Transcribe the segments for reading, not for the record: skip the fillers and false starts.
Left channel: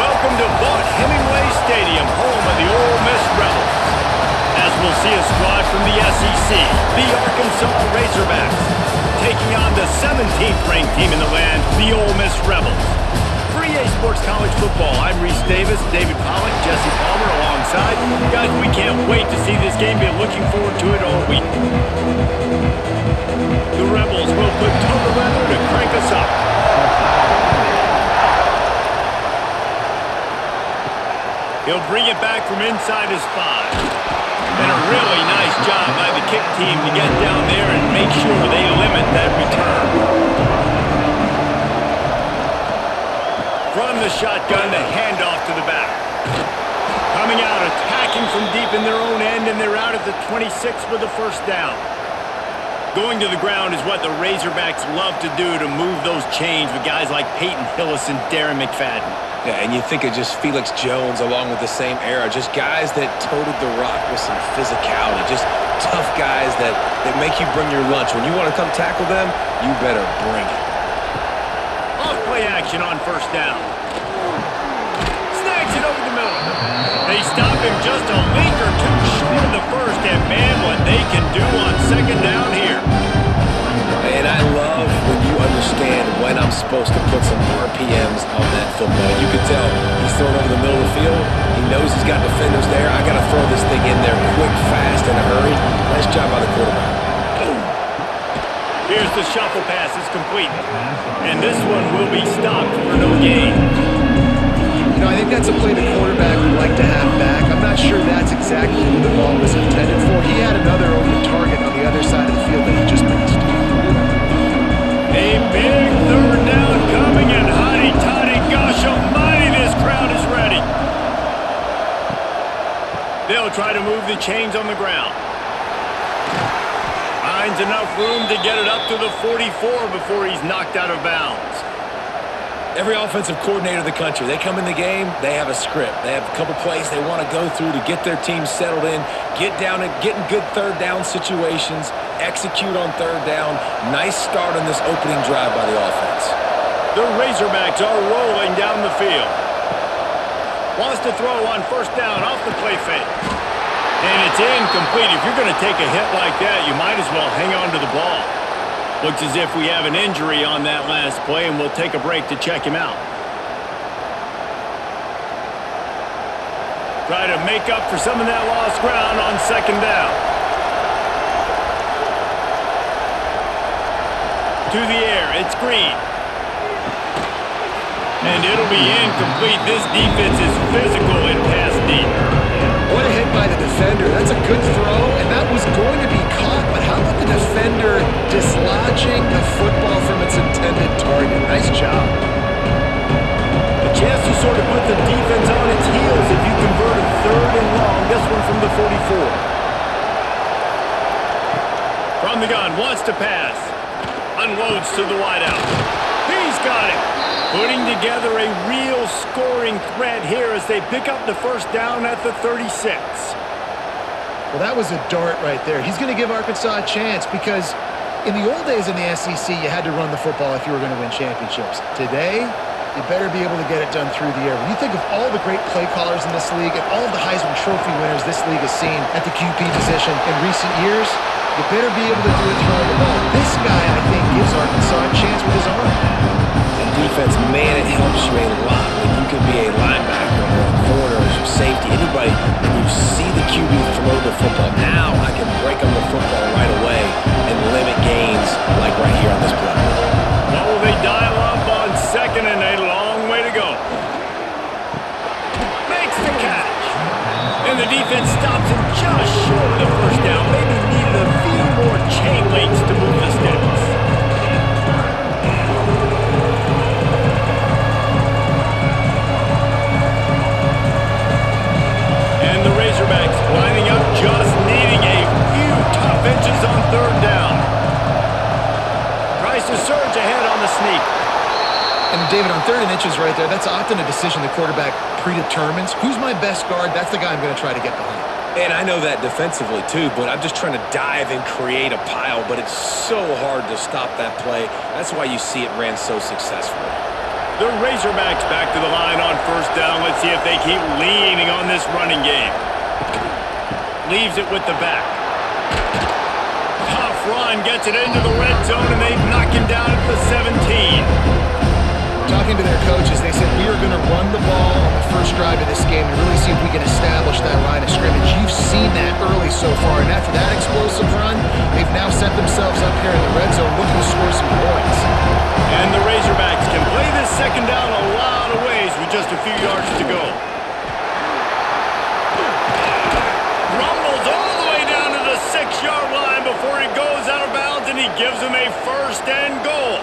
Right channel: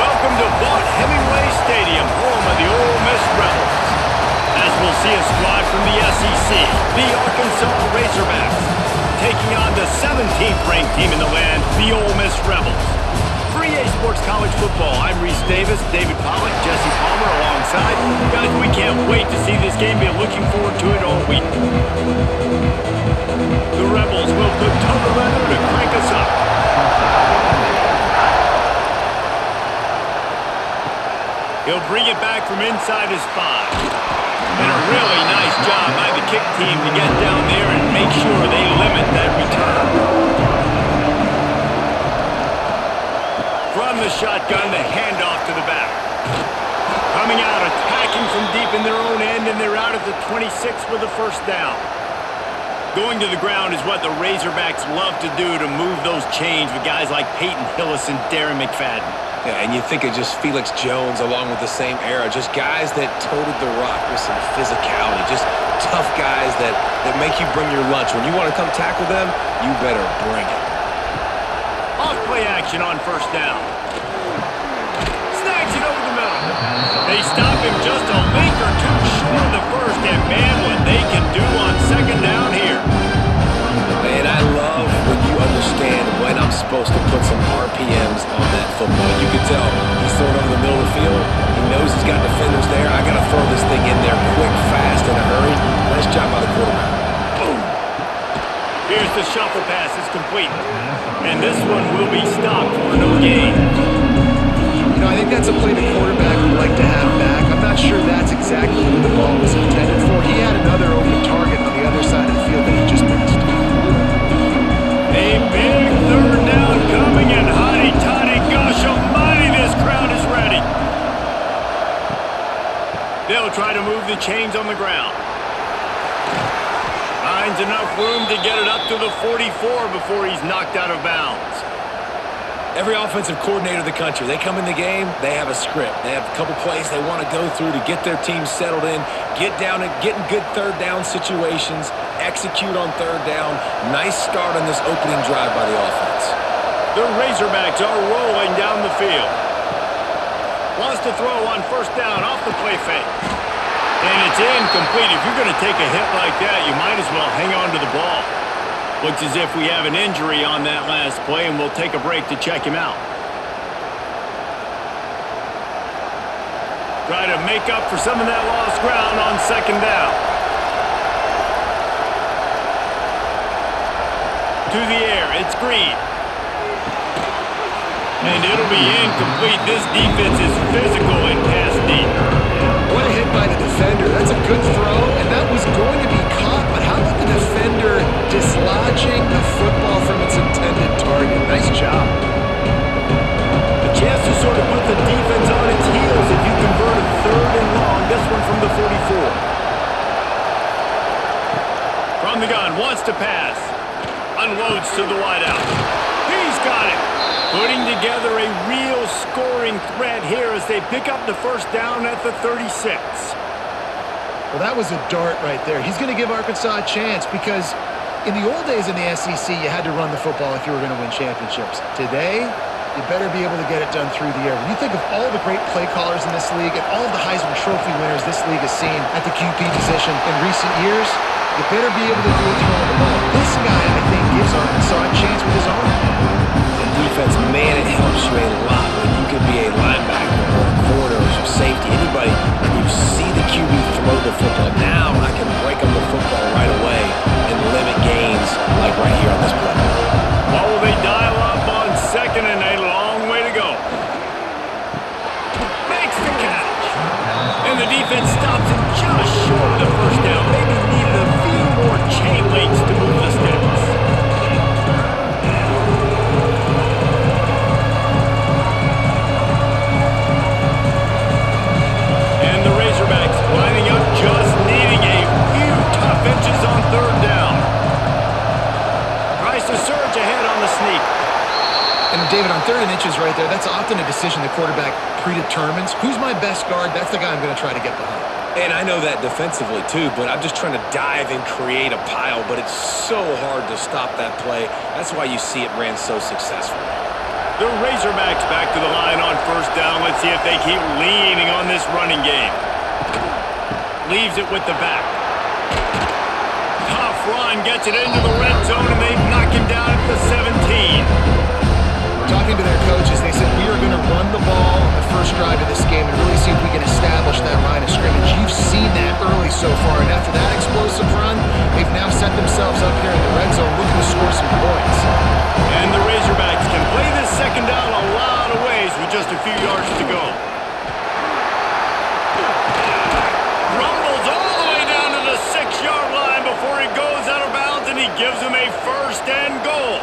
Welcome to Vaught Hemingway Stadium, home of the Ole Miss Rebels. As we'll see a squad from the SEC, the Arkansas Razorbacks, taking on the 17th ranked team in the land, the Ole Miss Rebels. For EA Sports College Football, I'm Reese Davis, David Pollack, Jesse Palmer alongside. Guys, we can't wait to see this game. Been looking forward to it all week. The Rebels will put toe to leather to crank us up. He'll bring it back from inside his 5. And a really nice job by the kick team to get down there and make sure they limit that return. From the shotgun, the handoff to the back. Coming out, attacking from deep in their own end, and they're out at the 26 with a first down. Going to the ground is what the Razorbacks love to do to move those chains with guys like Peyton Hillis and Darren McFadden. Yeah, and you think of just Felix Jones along with the same era, just guys that toted the rock with some physicality, just tough guys that make you bring your lunch. When you want to come tackle them, you better bring it. Off-play action on first down. Snags it over the middle. They stop him just a link or two short of the first, and man, what they can do on second down here. And I love when you understand when I'm supposed to put some RPMs on that football. You can tell he's throwing over the middle of the field. He knows he's got defenders there. I got to throw this thing in there quick, fast, in a hurry. Nice job by the quarterback. Boom. Here's the shuffle pass. It's complete. And this one will be stopped for no gain. You know, I think that's a play the quarterback would like to have back. I'm not sure that's exactly who the ball was intended for. He had another open target on the other side of the field that he just missed. A big third down coming, and hotty-toddy, gosh almighty, this crowd is ready. They'll try to move the chains on the ground. Finds enough room to get it up to the 44 before he's knocked out of bounds. Every offensive coordinator in the country, they come in the game, they have a script. They have a couple plays they want to go through to get their team settled in, get down and get in good third down situations, execute on third down. Nice start on this opening drive by the offense. The Razorbacks are rolling down the field. Wants to throw on first down off the play fake. And it's incomplete. If you're going to take a hit like that, you might as well hang on to the ball. Looks as if we have an injury on that last play, and we'll take a break to check him out. Try to make up for some of that lost ground on second down. To the air, it's Green. And it'll be incomplete. This defense is physical in pass deep. What a hit by the defender. That's a good throw, and that was going to be caught, but how about the defender dislodging the football from its intended target? Nice job. A chance to sort of put the defense on its heels if you convert a third and long. This one from the 44. From the gun, wants to pass. Unloads to the wideout. He's got it. Putting together a real scoring threat here as they pick up the first down at the 36. Well, that was a dart right there. He's going to give Arkansas a chance because in the old days in the SEC, you had to run the football if you were going to win championships. Today, you better be able to get it done through the air. When you think of all the great play callers in this league and all of the Heisman Trophy winners this league has seen at the QB position in recent years, you better be able to do it throwing the ball. This guy, I think, gives Arkansas a chance with his arm. Defense, man, it helps you a lot when you can be a linebacker or a corner or some safety, anybody, and you see the QB throw the football. Now I can break on the football right away and limit gains like right here on this play. What will they dial up on second and a long way to go? Makes the catch. And the defense stops him just short of the first down. Maybe needed a few more chain links to move the sticks. And the Razorbacks lining up, just needing a few tough inches on third down. Tries to surge ahead on the sneak. And David, on third and inches right there, that's often a decision the quarterback predetermines. Who's my best guard? That's the guy I'm going to try to get behind. And I know that defensively too, but I'm just trying to dive and create a pile, but it's so hard to stop that play. That's why you see it ran so successfully. The Razorbacks back to the line on first down. Let's see if they keep leaning on this running game. Leaves it with the back. Tough run, gets it into the red zone, and they knock him down at the 17. Talking to their coaches, they said we are going to run the ball on the first drive of this game and really see if we can establish that line of scrimmage. You've seen that early so far, and after that explosive run, they've now set themselves up here in the red zone looking to score some points. And the Razorbacks can play this second down a lot of ways with just a few yards to go. Rumbles all the way down to the 6-yard line before he goes out of bounds, and he gives them a first and goal.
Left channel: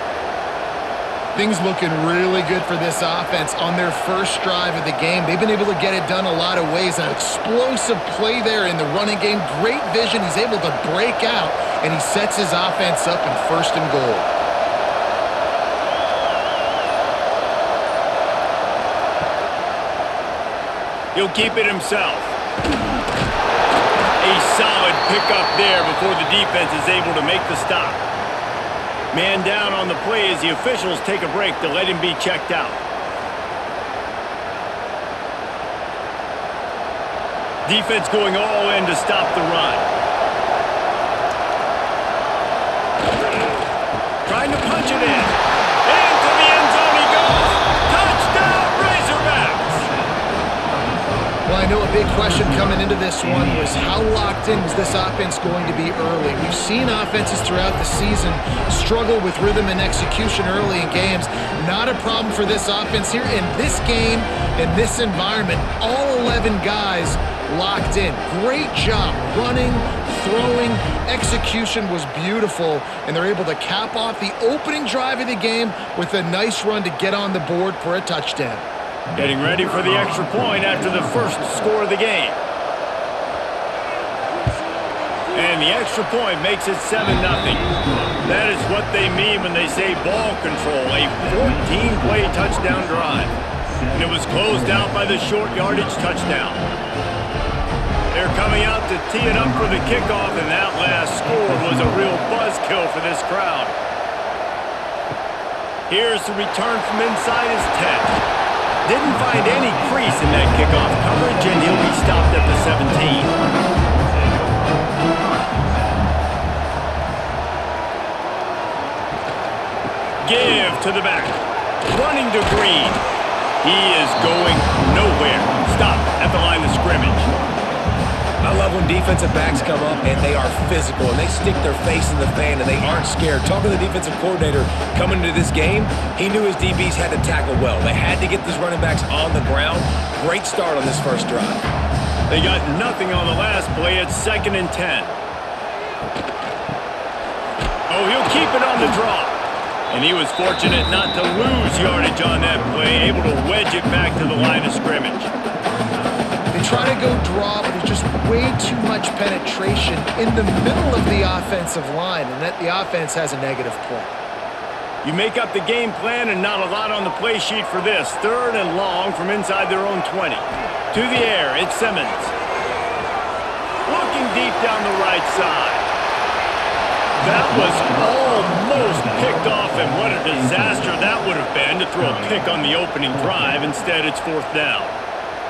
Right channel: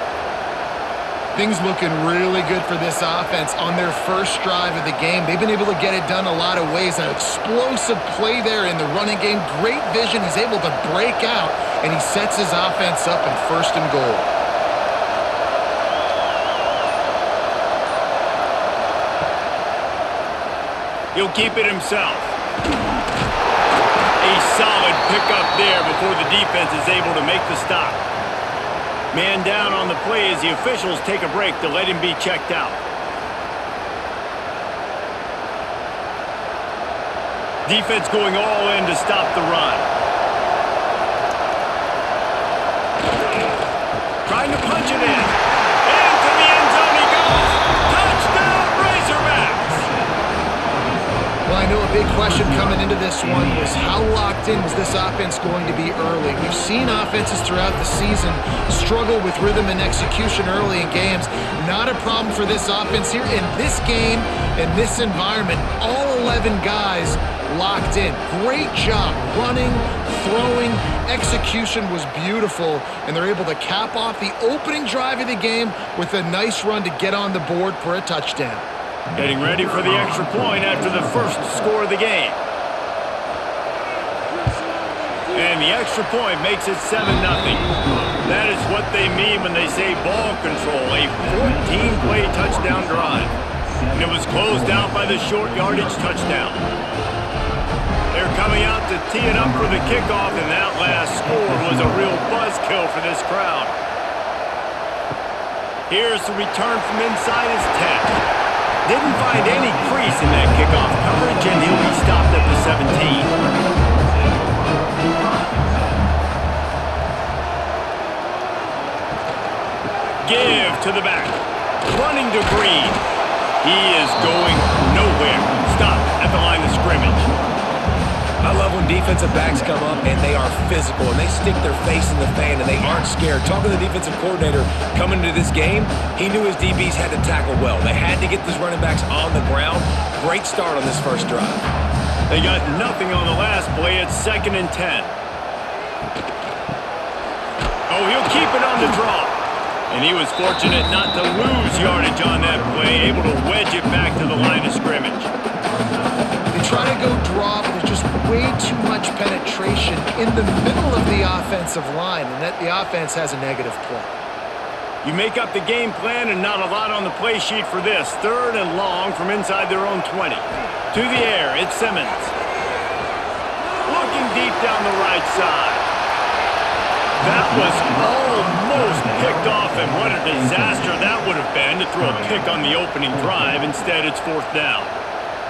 Things looking really good for this offense on their first drive of the game. They've been able to get it done a lot of ways. An explosive play there in the running game. Great vision. He's able to break out, and he sets his offense up in first and goal. He'll keep it himself. A solid pickup there before the defense is able to make the stop. Man down on the play as the officials take a break to let him be checked out. Defense going all in to stop the run. Trying to punch it in. Into the end zone he goes. Touchdown Razorbacks! Well, I know a big question coming into this one was how locked in was this offense going to be early? We've seen offenses throughout the season struggle with rhythm and execution early in games. Not a problem for this offense here. In this game, in this environment, all 11 guys locked in. Great job running, throwing, execution was beautiful, and they're able to cap off the opening drive of the game with a nice run to get on the board for a touchdown. Getting ready for the extra point after the first score of the game. And the extra point makes it 7-0. That is what they mean when they say ball control, a 14-play touchdown drive. And it was closed out by the short yardage touchdown. They're coming out to tee it up for the kickoff, and that last score was a real buzzkill for this crowd. Here's the return from inside his 10. Didn't find any crease in that kickoff coverage, and he'll be stopped at the 17. Give to the back. Running to Green. He is going nowhere. Stop at the line of scrimmage. I love when defensive backs come up and they are physical and they stick their face in the fan and they aren't scared. Talking to the defensive coordinator coming into this game, he knew his DBs had to tackle well. They had to get these running backs on the ground. Great start on this first drive. They got nothing on the last play. It's 2nd and 10. Oh, he'll keep it on the draw. And he was fortunate not to lose yardage on that play, able to wedge it back to the line of scrimmage. They try to go draw, but there's just way too much penetration in the middle of the offensive line, and that the offense has a negative play. You make up the game plan and not a lot on the play sheet for this. 3rd and long from inside their own 20. To the air, it's Simmons. Looking deep down the right side. That was almost picked off, and what a disaster that would have been to throw a pick on the opening drive. Instead, it's 4th down.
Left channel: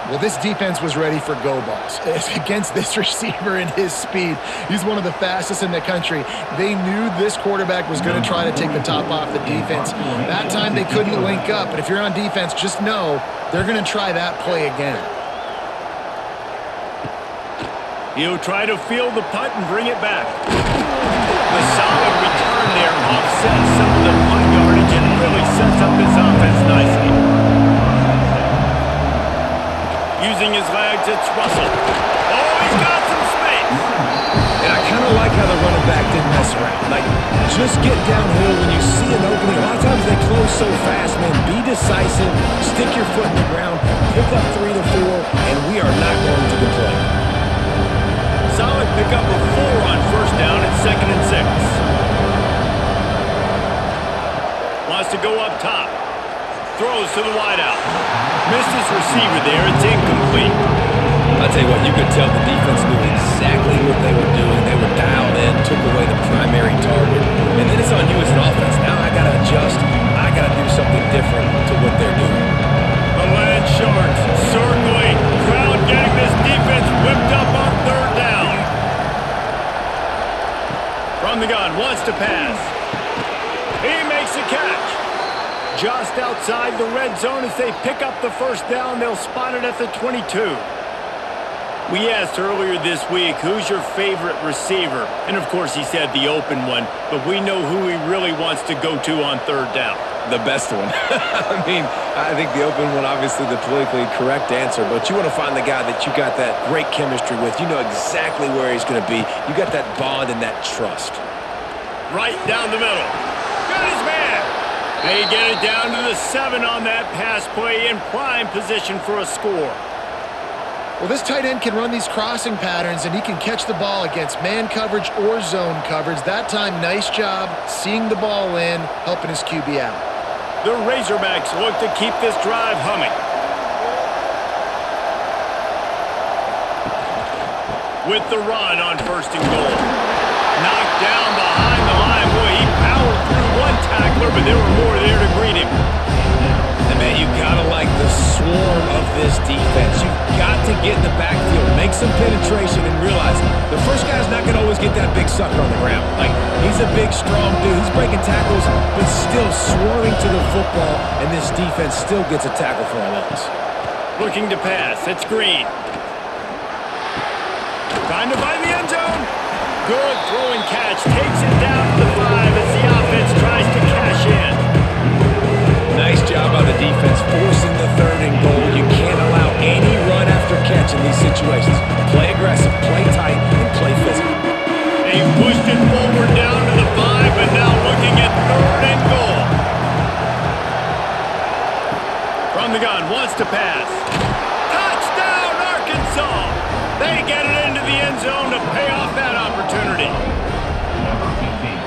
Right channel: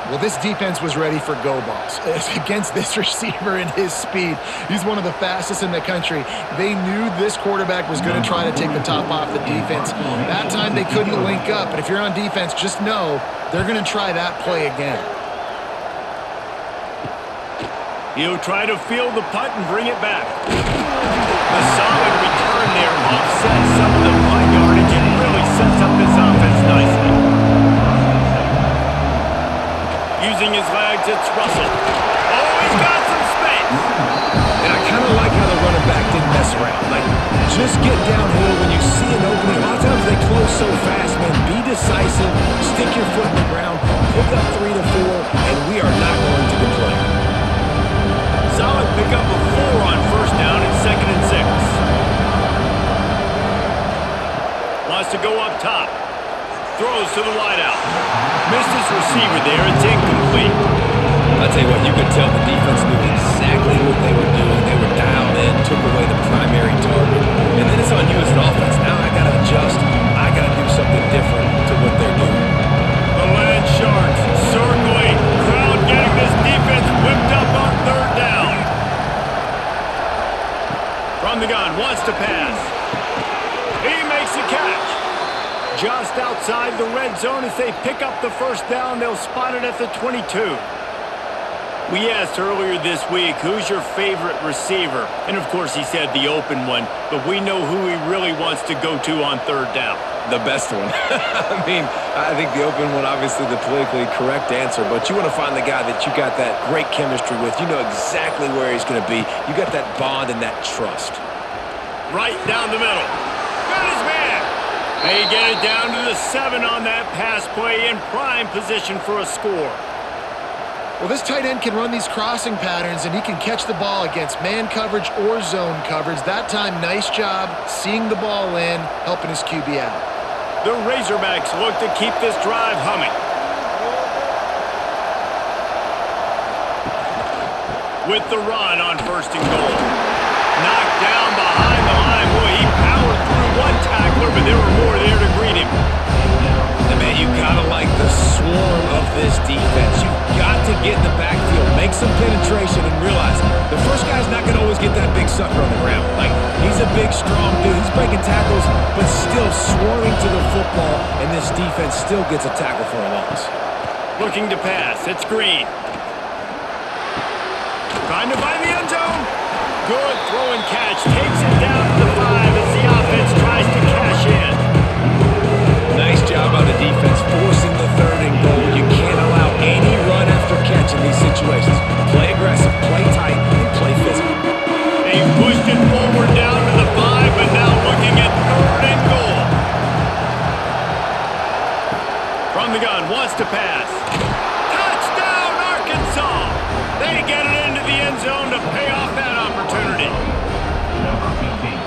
Well, this defense was ready for go balls against this receiver and his speed. He's one of the fastest in the country. They knew this quarterback was going to try to take the top off the defense. That time they couldn't link up, but if you're on defense, just know they're going to try that play again. He'll try to field the punt and bring it back. The solid return there offsets some of the punt yardage and really sets up this offense nicely. Using his legs, it's Russell. Oh, he's got some space. And I kind of like how the running back didn't mess around. Like, just get downhill when you see an opening. A lot of times they close so fast, man. Be decisive, stick your foot in the ground, pick up 3 to 4, and we are not going to complain. Solid pickup of 4 on first down. It's 2nd and 6. Wants to go up top. Throws to the wideout. Missed his receiver there. It's incomplete. I'll tell you what, you could tell the defense knew exactly what they were doing. They were dialed in, took away the primary target. And then it's on you as an offense. Now I got to adjust. I I got to do something different to what they're doing. The Land Sharks circling. Crowd getting this defense whipped up on third down. From the gun, wants to pass. He makes a catch. Just outside the red zone as they pick up the first down. They'll spot it at the 22. We asked earlier this week, who's your favorite receiver? And of course he said the open one, but we know who he really wants to go to on third down. The best one. I mean, I think the open one, obviously the politically correct answer, but you want to find the guy that you got that great chemistry with. You know exactly where he's going to be. You got that bond and that trust. Right down the middle. Got his man. They get it down to the 7 on that pass play in prime position for a score. Well, this tight end can run these crossing patterns, and he can catch the ball against man coverage or zone coverage. That time, nice job seeing the ball in, helping his QB out. The Razorbacks look to keep this drive humming. With the run on 1st and goal. Knocked down behind the line. Boy, he powered through one tackler, but there were more there to greet him. And man, you gotta like the swarm of this defense. You've got to get in the backfield, make some penetration, and realize the first guy's not gonna always get that big sucker on the ground. Like, he's a big, strong dude. He's breaking tackles, but still swarming to the football, and this defense still gets a tackle for a loss. Looking to pass. It's Green. Trying to find the end zone. Good throw and catch. Takes it down to the 5 as the offense tries to cash in. Nice job by the defense forcing the 3rd and goal. You can't allow any run after catch in these situations. Play aggressive, play tight, and play physical. They pushed it forward down to the 5, but now looking at 3rd and goal. From the gun, wants to pass. Touchdown, Arkansas! They get it into the end zone to pay off that opportunity. Number 15.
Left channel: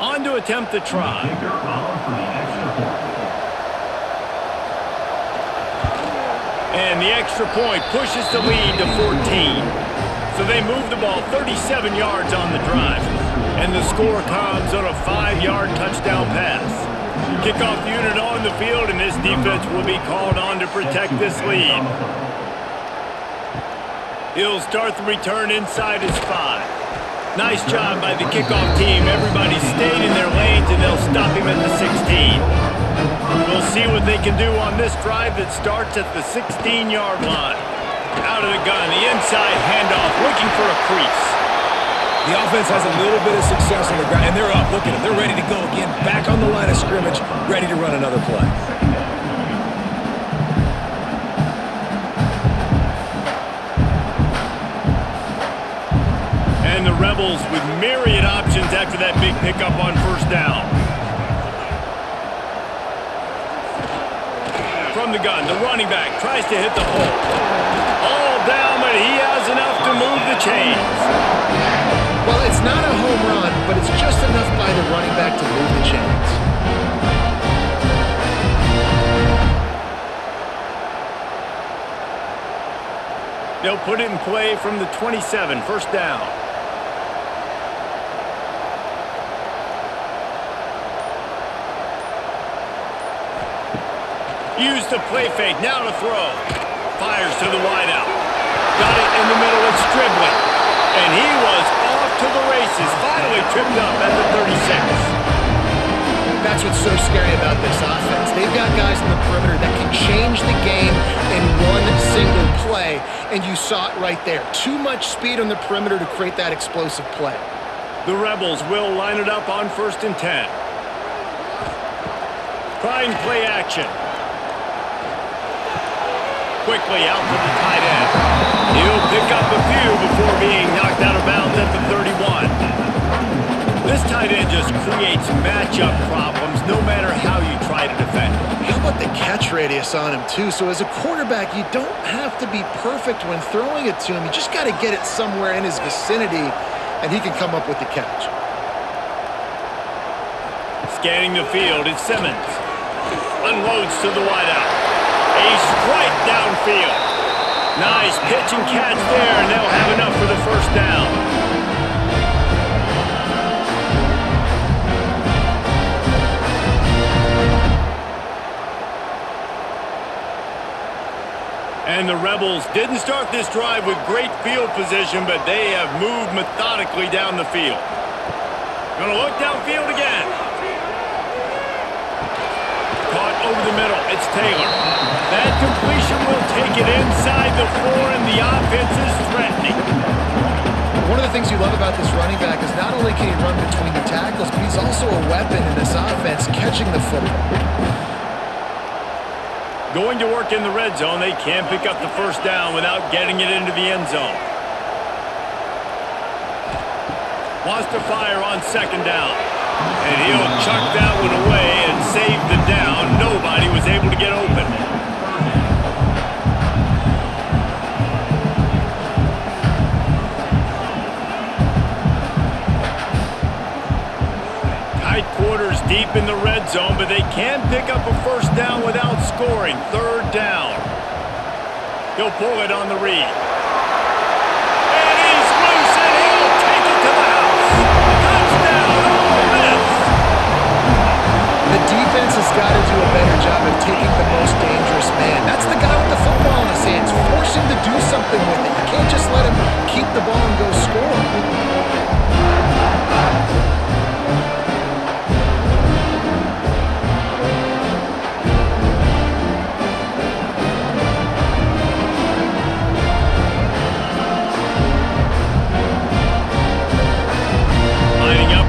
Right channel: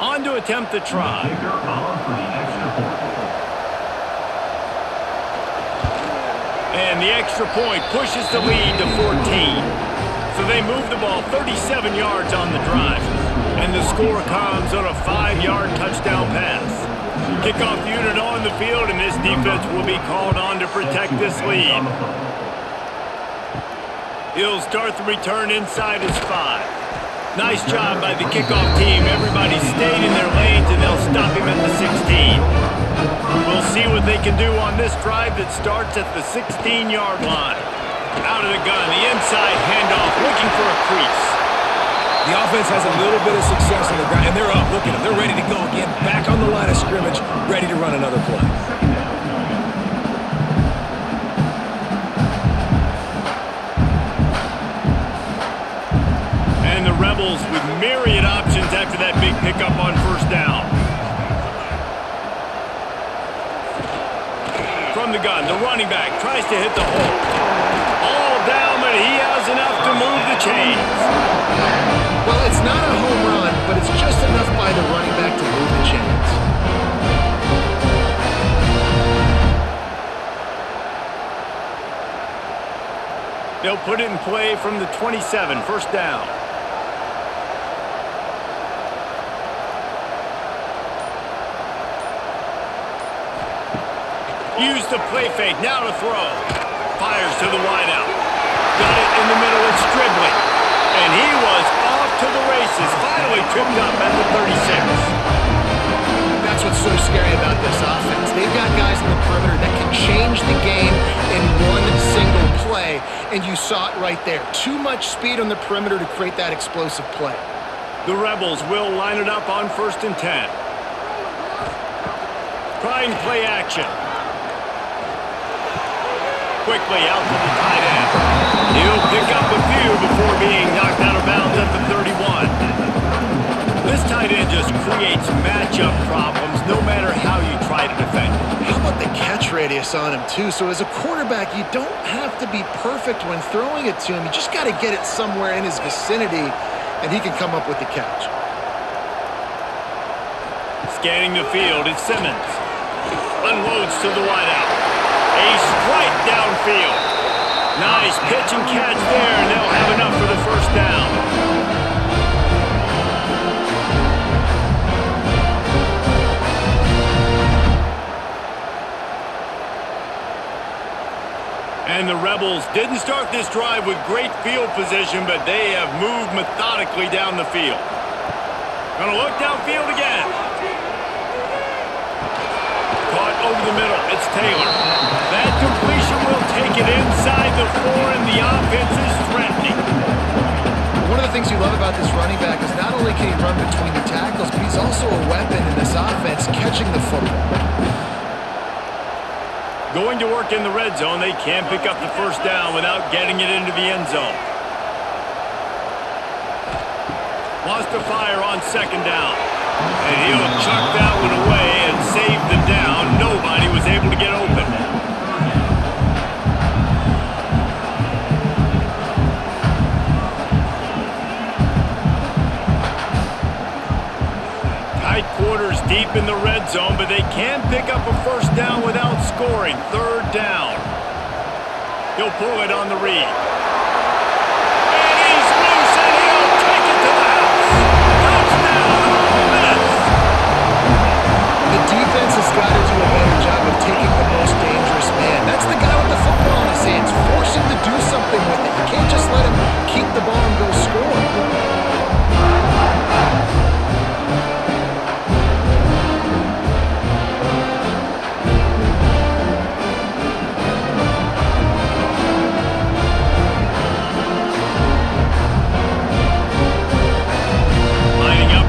On to attempt the try. Kicker on for the extra point. And the extra point pushes the lead to 14. So they move the ball 37 yards on the drive. And the score comes on a 5-yard touchdown pass. Kickoff unit on the field, and this defense will be called on to protect this lead. He'll start the return inside his 5. Nice job by the kickoff team. Everybody stayed in their lanes, and they'll stop him at the 16. We'll see what they can do on this drive that starts at the 16-yard line. Out of the gun, the inside handoff, looking for a crease. The offense has a little bit of success on the ground, and they're up. Look at them. They're ready to go again. Back on the line of scrimmage, ready to run another play. And the Rebels with myriad options after that big pickup on 1st down. From the gun, the running back tries to hit the hole. All down, but he has enough to move the chains. Well, it's not a home run, but it's just enough by the running back to move the chains. They'll put it in play from the 27, 1st down. Use the play fake, now to throw. Fires to the wideout. Got it in the middle, it's Stribling. And he was off to the races, finally tripped up at the 36. That's what's so scary about this offense. They've got guys in the perimeter that can change the game in one single play, and you saw it right there. Too much speed on the perimeter to create that explosive play. The Rebels will line it up on 1st and 10. Trying play action. Quickly out to the tight end. He'll pick up a few before being knocked out of bounds at the 31. This tight tight end just creates matchup problems no matter how you try to defend it. How about the catch radius on him, too? So as a quarterback, you don't have to be perfect when throwing it to him. You just got to get it somewhere in his vicinity, and he can come up with the catch. Scanning the field, it's Simmons. Unloads to the wideout. A strike downfield. Nice pitch and catch there, and they'll have enough for the first down. And the Rebels didn't start this drive with great field position, but they have moved methodically down the field. Gonna look downfield again. Caught over the middle. It's Taylor. That completion will take it inside the 4, and the offense is threatening. One of the things you love about this running back is not only can he run between the tackles, but he's also a weapon in this offense catching the football. Going to work in the red zone, they can pick up the first down without getting it into the end zone. Wants to fire on second down. And he'll chuck that one away and save the down. Nobody was able to get open. Tight quarters deep in the red zone, but they can pick up a first down without scoring. Third down. He'll pull it on the read. And he's loose, and he'll take it to the house. Touchdown, Ole Miss! The defense has got to do a better job of taking the most dangerous man. That's the guy with the football in his hands. Force him to do something with it. You can't just let him keep the ball and go score.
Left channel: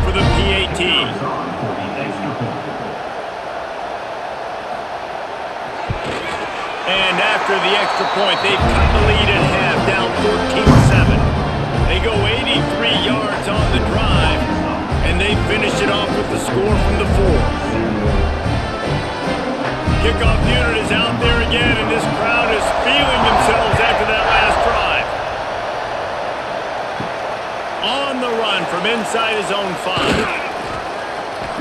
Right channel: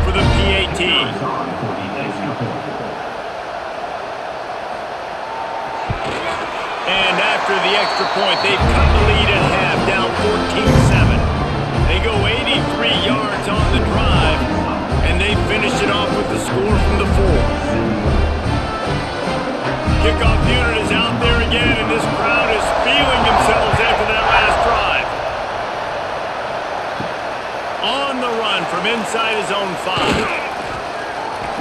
The PAT. And after the extra point, they've cut the lead at half, down 14-7. They go 83 yards on the drive, and they finished it off with the score from the 4. Kickoff unit is out there again, and this crowd is feeling themselves after that last drive. On the run from inside his own 5.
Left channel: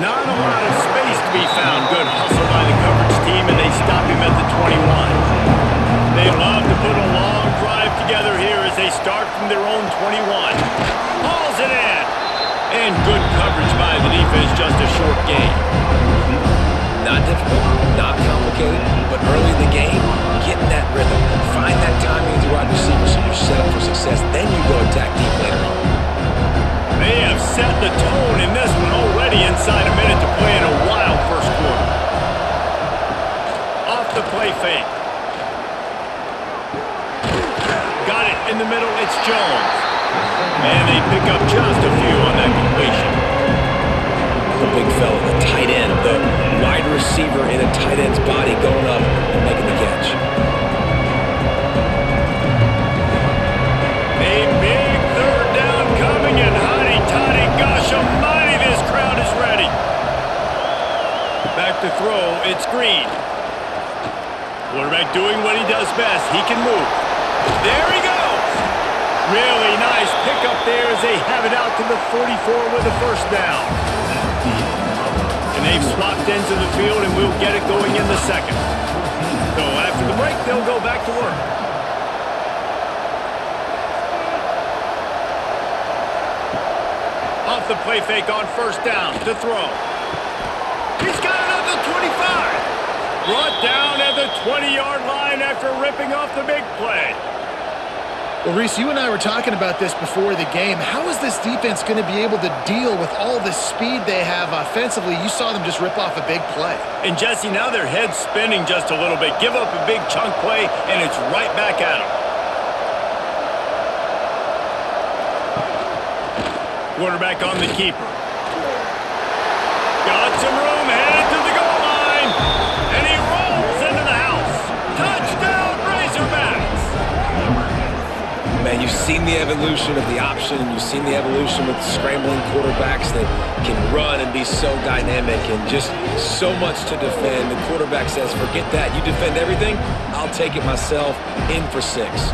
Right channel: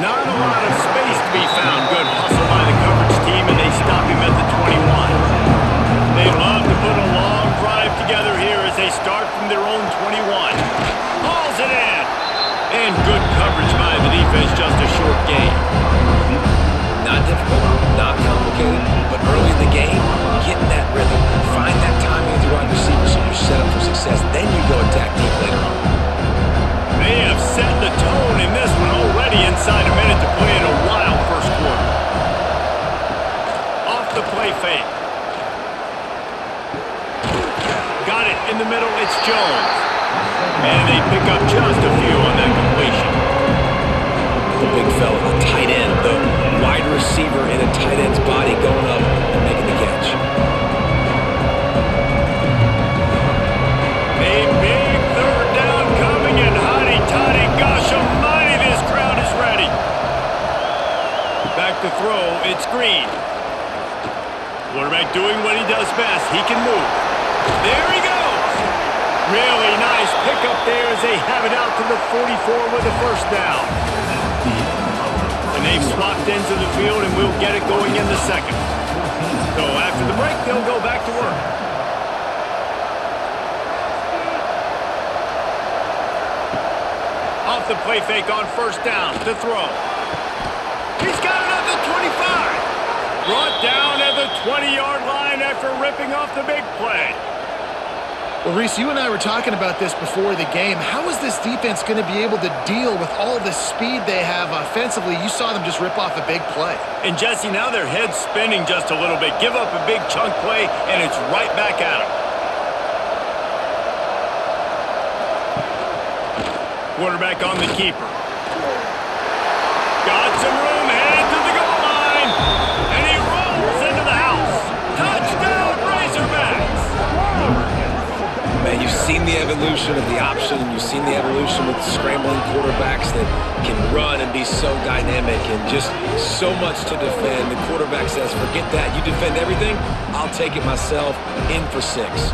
Not a lot of space to be found. Good hustle by the coverage team, and they stop him at the 21. They love to put a long drive together here as they start from their own 21. Hauls it in. And good coverage by the defense, just a short gain. Not difficult, not complicated, but early in the game, get in that rhythm. Find that timing with your wide receiver so you're set up for success. Then you go attack deep later on. They have set the tone in this one already inside a minute to play in a wild first quarter. Off the play fake. Got it in the middle, it's Jones. And they pick up just a few on that completion. The big fella, the tight end, the wide receiver in a tight end's body going up and making the catch. A big third down coming in. Toddy, gosh almighty, this crowd is ready. Back to throw, it's Green. Quarterback doing what he does best. He can move. There he goes. Really nice pickup there as they have it out to the 44 with a first down. And they've swapped ends of the field, and we'll get it going in the second. So after the break, they'll go back to work. Off the play fake on first down to throw. He's got it at the 25. Brought down at the 20-yard line after ripping off the big play. Well, Reese, you and I were talking about this before the game. How is this defense going to be able to deal with all the speed they have offensively? You saw them just rip off a big play. And, Jesse, now their head's spinning just a little bit. Give up a big chunk play, and it's right back at them. Quarterback on the keeper. Got some room, headed to the goal line. And he rolls into the house. Touchdown, Razorbacks. man, you've seen the evolution of the option. You've seen the evolution with scrambling quarterbacks that can run and be so dynamic and just so much to defend. The quarterback says, forget that. You defend everything, I'll take it myself. In for 6.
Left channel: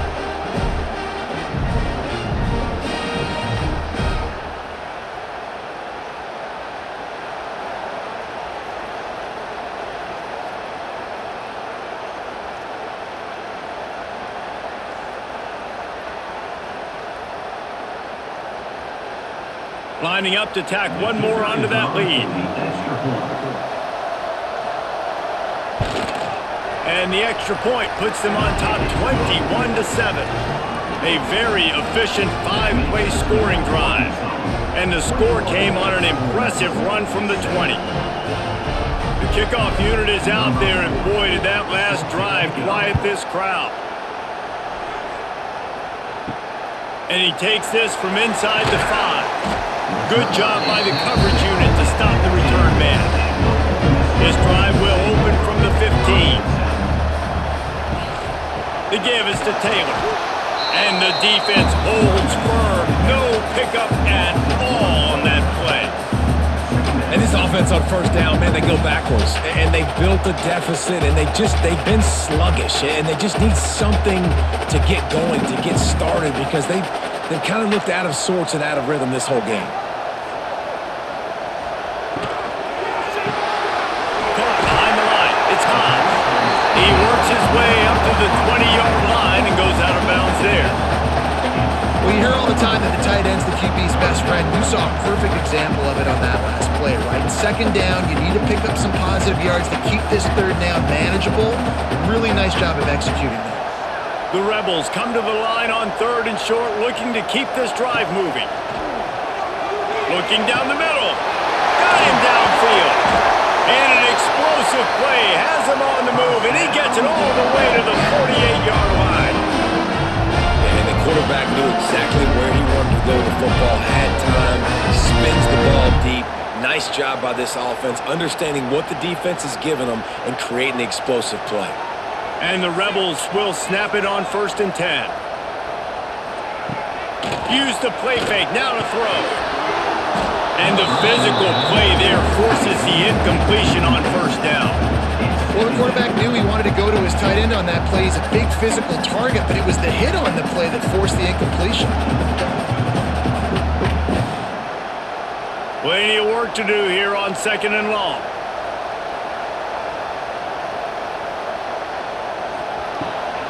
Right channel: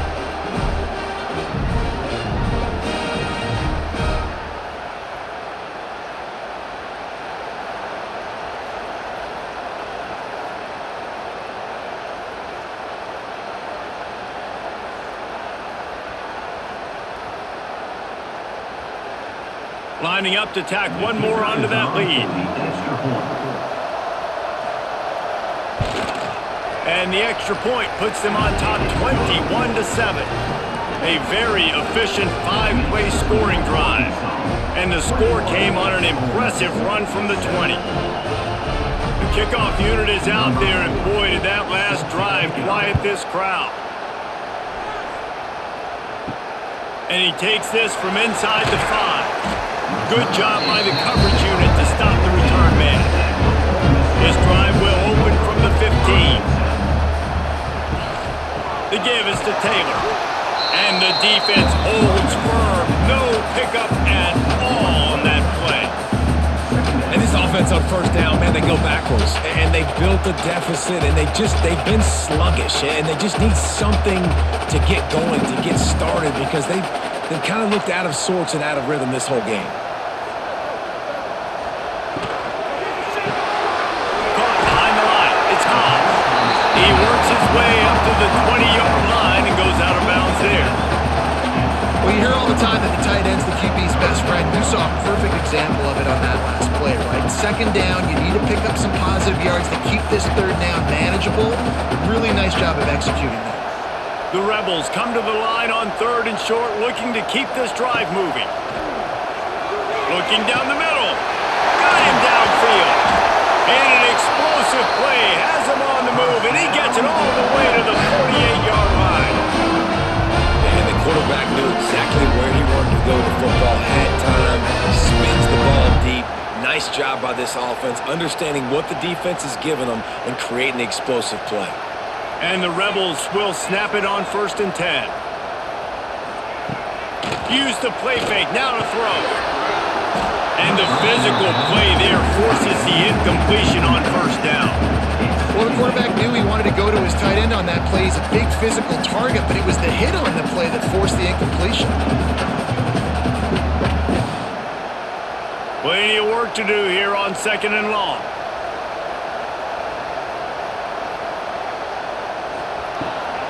Lining up to tack one more onto that lead. And the extra point puts them on top 21-7. A very efficient 5-play scoring drive. And the score came on an impressive run from the 20. The kickoff unit is out there, and boy, did that last drive quiet this crowd. And he takes this from inside the 5. Good job by the coverage unit to stop the return man. This drive will open from the 15. The give is to Taylor. And the defense holds firm. No pickup at all on that play. And this offense on first down, man, they go backwards. And they built a deficit, and they've been sluggish. And they just need something to get going, to get started, because they've kind of looked out of sorts and out of rhythm this whole game. Caught behind the line. It's Haas. He works his way up to the 20-yard line and goes out of bounds there. Well, you hear all the time that the tight end's the QB's best friend. You saw a perfect example of it on that last play, right? Second down, you need to pick up some positive yards to keep this third down manageable. Really nice job of executing there. The Rebels come to the line on 3rd and short, looking to keep this drive moving. Looking down the middle. Got him downfield. And an explosive play has him on the move, and he gets it all the way to the 48-yard line. And the quarterback knew exactly where he wanted to go with the football, had time, spins the ball deep. Nice job by this offense, understanding what the defense is giving them and creating the explosive play. And the Rebels will snap it on 1st and 10. Use the play fake, now to throw. And the physical play there forces the incompletion on 1st down. Well, the quarterback knew he wanted to go to his tight end on that play. He's a big physical target, but it was the hit on the play that forced the incompletion. Plenty of work to do here on 2nd and long.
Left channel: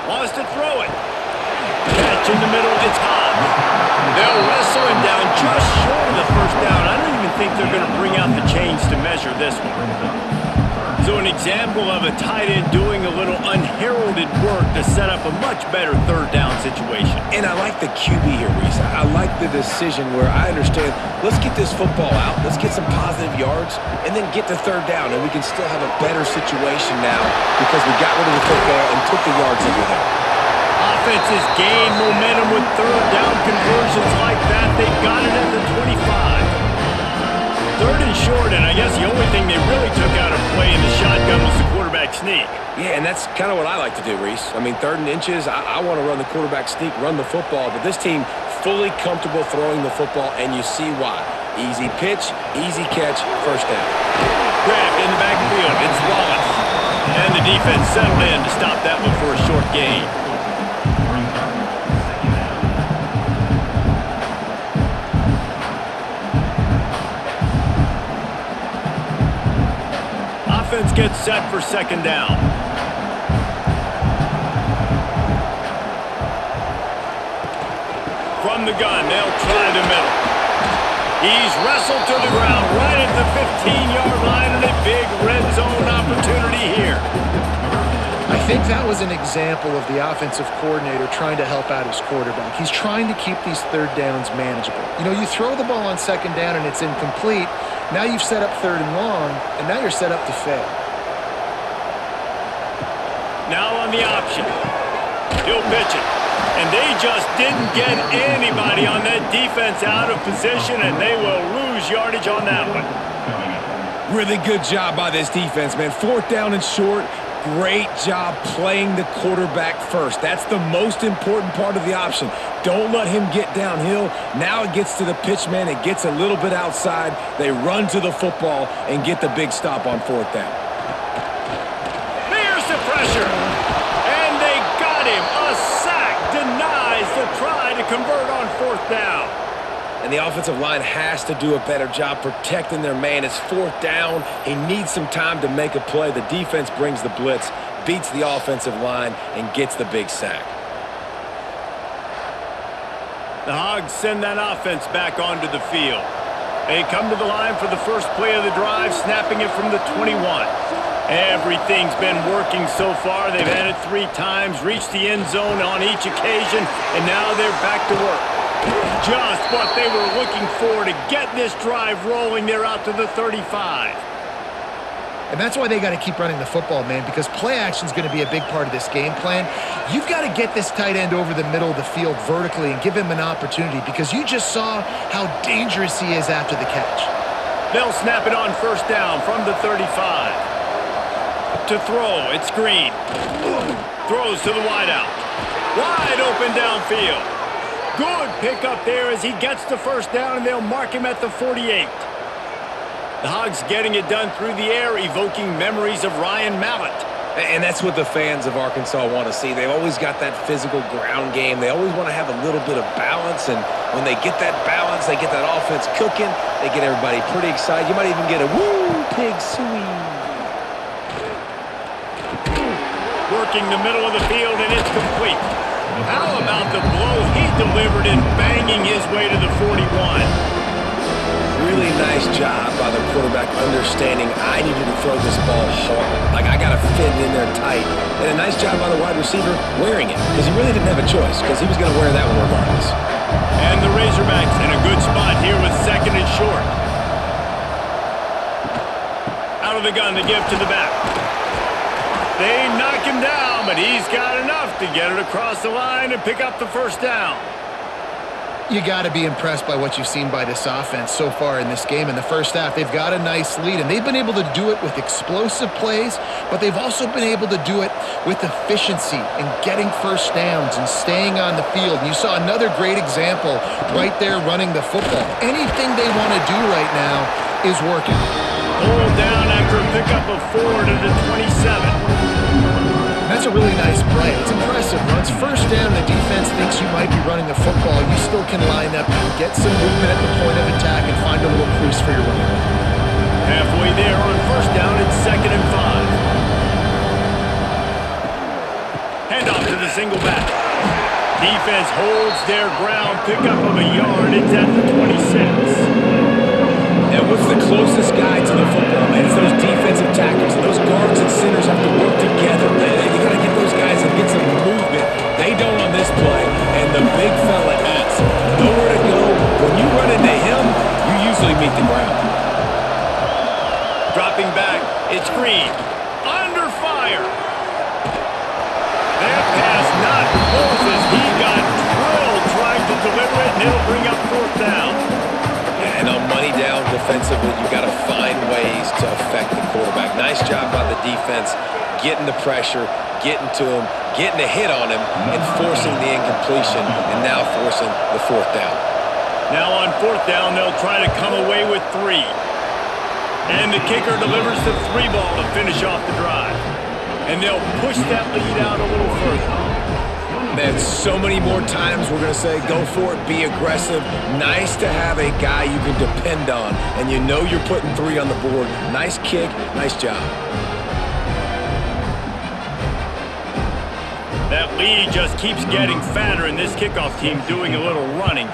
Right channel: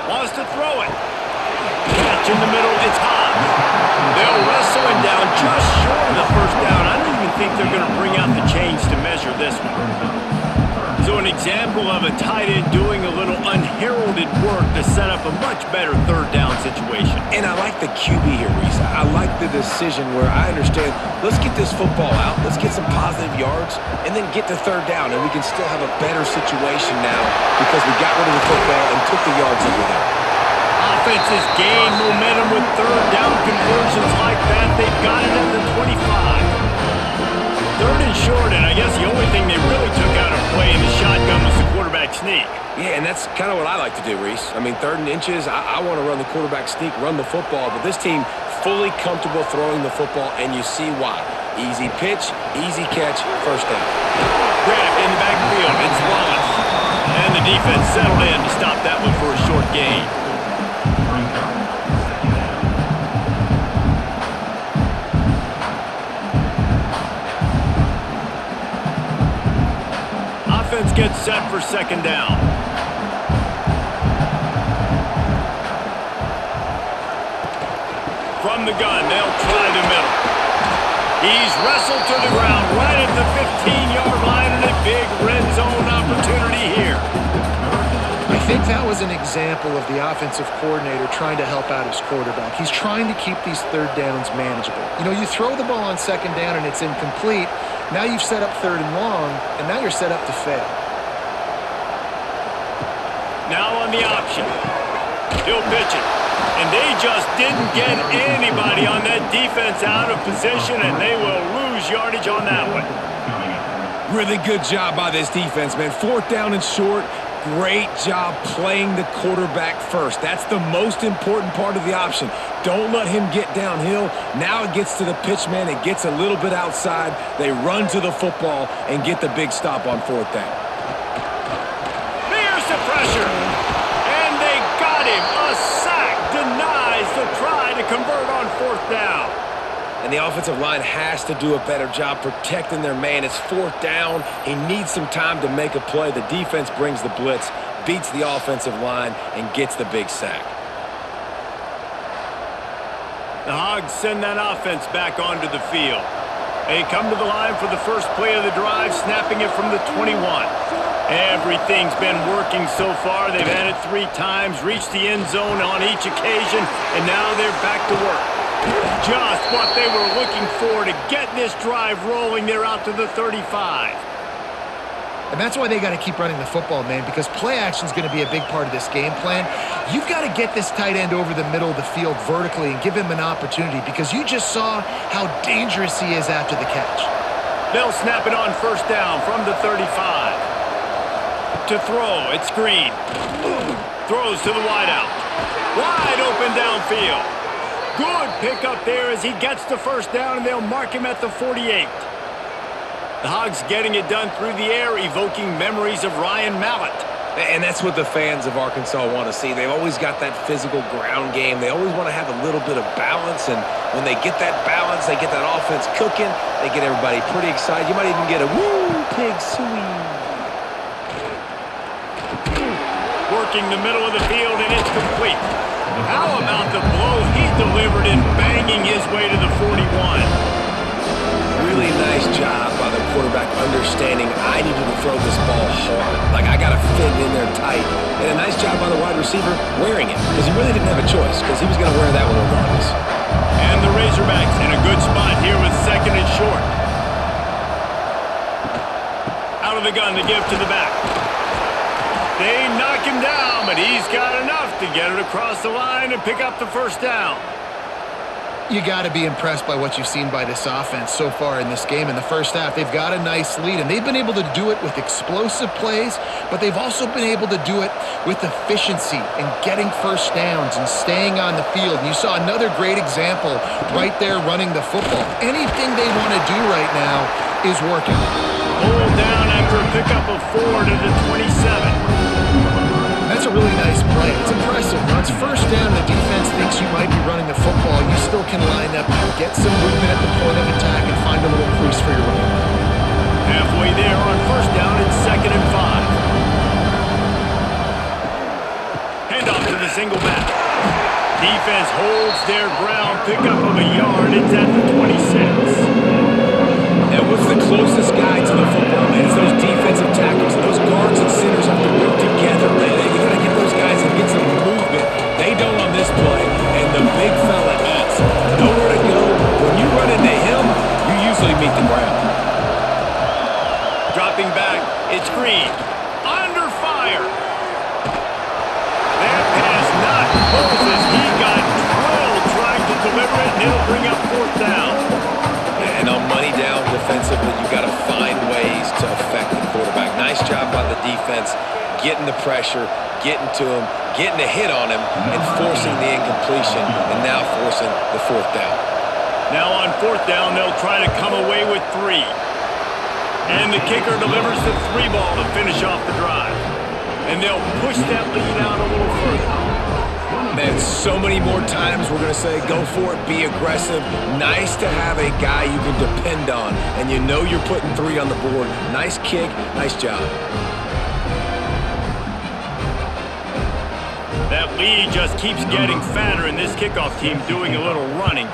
Wants to throw it. Catch in the middle, it's Haas. They'll wrestle him down just short of the 1st down. I don't even think they're going to bring out the chains to measure this one. So an example of a tight end doing a little unheralded work to set up a much better 3rd down situation. And I like the QB here, Reese. I like the decision where I understand, let's get this football out, let's get some positive yards, and then get to 3rd down, and we can still have a better situation now because we got rid of the football and took the yards that were there. Offenses gain momentum with 3rd down conversions like that. They've got it at the 25. 3rd and short, and I guess the only thing they really took out of play in the shotgun was the quarterback sneak. Yeah, and that's kind of what I like to do, Reese. I mean, 3rd and inches, I want to run the quarterback sneak, run the football, but this team fully comfortable throwing the football, and you see why. Easy pitch, easy catch, 1st down. Grab in the backfield, it's Wallace. And the defense settled in to stop that one for a short gain. Brings up 2nd down. Offense gets set for 2nd down. From the gun, they'll try the middle. He's wrestled to the ground right at the 15-yard line, and a big red zone opportunity here. I think that was an example of the offensive coordinator trying to help out his quarterback. He's trying to keep these 3rd downs manageable. You know, you throw the ball on 2nd down and it's incomplete. Now you've set up 3rd and long, and now you're set up to fail. Now on the option. He'll pitch it. And they just didn't get anybody on that defense out of position, and they will lose yardage on that one. Coming up. Really good job by this defense, man. 4th down and short. Great job playing the quarterback first. That's the most important part of the option. Don't let him get downhill. Now it gets to the pitch man. It gets a little bit outside. They run to the football and get the big stop on 4th down. There's the pressure. And they got him. A sack denies the try to convert on 4th down. And the offensive line has to do a better job protecting their man. It's 4th down. He needs some time to make a play. The defense brings the blitz, beats the offensive line, and gets the big sack. The Hogs send that offense back onto the field. They come to the line for the first play of the drive, snapping it from the 21. Everything's been working so far. They've had it 3 times, reached the end zone on each occasion, and now they're back to work. Just what they were looking for to get this drive rolling. They're out to the 35. And that's why they got to keep running the football, man, because play action is going to be a big part of this game plan. You've got to get this tight end over the middle of the field vertically and give him an opportunity, because you just saw how dangerous he is after the catch. They'll snap it on 1st down from the 35. To throw, it's Green. Throws to the wideout. Wide open downfield. Good pickup there as he gets the 1st down, and they'll mark him at the 48. The Hogs getting it done through the air, evoking memories of Ryan Mallett. And that's what the fans of Arkansas want to see. They've always got that physical ground game. They always want to have a little bit of balance, and when they get that balance, they get that offense cooking, they get everybody pretty excited. You might even get a woo, pig suey. Working the middle of the field, and it's complete. How about the blow he delivered in banging his way to the 41? Really nice job by the quarterback understanding I needed to throw this ball hard. Like, I got to fit it in there tight. And a nice job by the wide receiver wearing it, because he really didn't have a choice, because he was going to wear that one regardless. And the Razorbacks in a good spot here with 2nd and short. Out of the gun to give to the back. They knock him down, but he's got enough to get it across the line and pick up the 1st down. You got to be impressed by what you've seen by this offense so far in this game. In the first half, they've got a nice lead, and they've been able to do it with explosive plays, but they've also been able to do it with efficiency and getting 1st downs and staying on the field. And you saw another great example right there running the football. Anything they want to do right now is working. Hold down after a pickup of 4 to the 27. That's a really nice play. It's impressive. When it's 1st down and the defense thinks you might be running the football, you still can line up, get some movement at the point of attack, and find a little crease for your running back. Halfway there on 1st down, it's 2nd and 5. Handoff to the single back. Defense holds their ground, pickup of a yard. It's at the 26. And what's the closest guy to the football, man? It's those defensive tackles. Those guards and centers have to work together, man. You got to get those guys and get some movement. They don't on this play, and the big fella eats. Nowhere to go. When you run into him, you usually meet the ground. Dropping back, it's Green. Under fire. That pass not close as he got drilled trying to deliver it, and it'll bring up 4th down. And on money down defensively, you got to find ways to affect the quarterback. Nice job by the defense, getting the pressure, getting to him, getting a hit on him, and forcing the incompletion, and now forcing the 4th down. Now on 4th down, they'll try to come away with 3. And the kicker delivers the 3 ball to finish off the drive. And they'll push that lead out a little further. Man, so many more times we're going to say, go for it, be aggressive. Nice to have a guy you can depend on, and you know you're putting 3 on the board. Nice kick, nice job. That lead just keeps getting fatter, and this kickoff team doing a little running.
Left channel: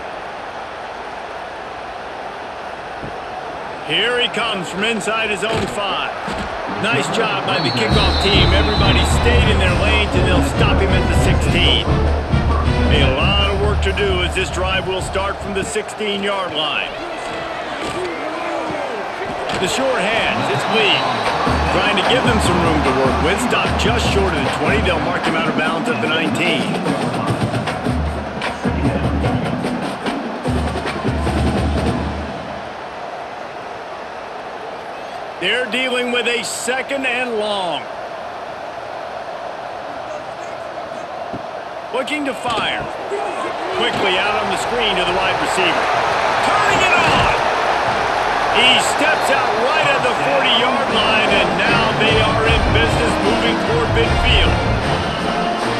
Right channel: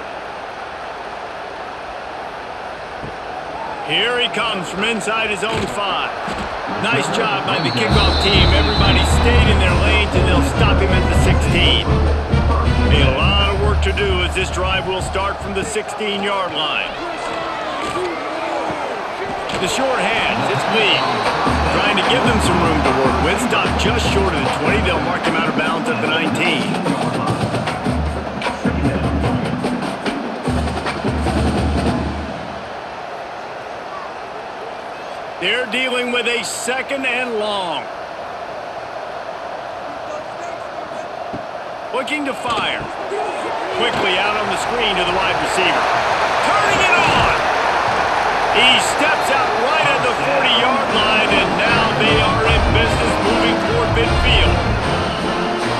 Here he comes from inside his own 5. Nice job by the kickoff team. Everybody stayed in their lanes, and they'll stop him at the 16. A lot of work to do as this drive will start from the 16-yard line. The short hands, it's Lee. Trying to give them some room to work with. Stopped just short of the 20. They'll mark him out of bounds at the 19. They're dealing with a 2nd and long. Looking to fire. Quickly out on the screen to the wide receiver. Turning it on. He steps out right at the 40-yard line, and now they are in business moving toward midfield.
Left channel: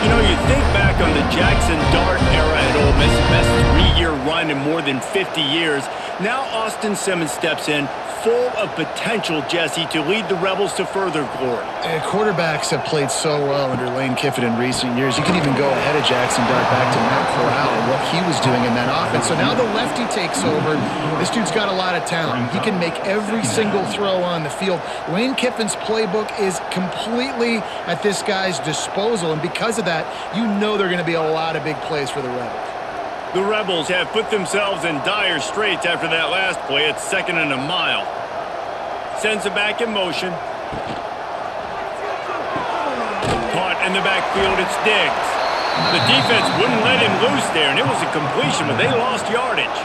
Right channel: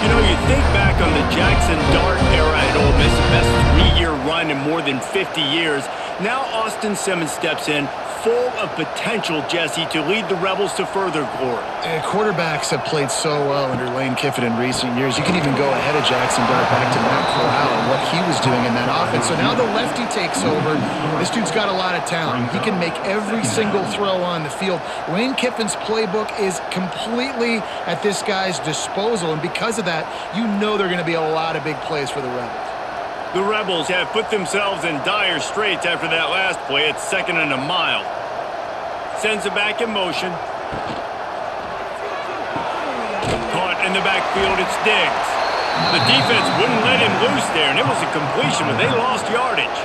You know, you think back on the Jackson Dart era at Ole Miss, the best 3-year run in more than 50 years. Now Austin Simmons steps in, full of potential, Jesse, to lead the Rebels to further glory. Quarterbacks have played so well under Lane Kiffin in recent years. You can even go ahead of Jackson Dart back to Matt Corral and what he was doing in that offense. So now the lefty takes over. This dude's got a lot of talent. He can make every single throw on the field. Lane Kiffin's playbook is completely at this guy's disposal, and because of that, you know there are going to be a lot of big plays for the Rebels. The Rebels have put themselves in dire straits after that last play. It's 2nd and a mile. Sends it back in motion. Caught in the backfield, it's Diggs. The defense wouldn't let him loose there, and it was a completion, but they lost yardage.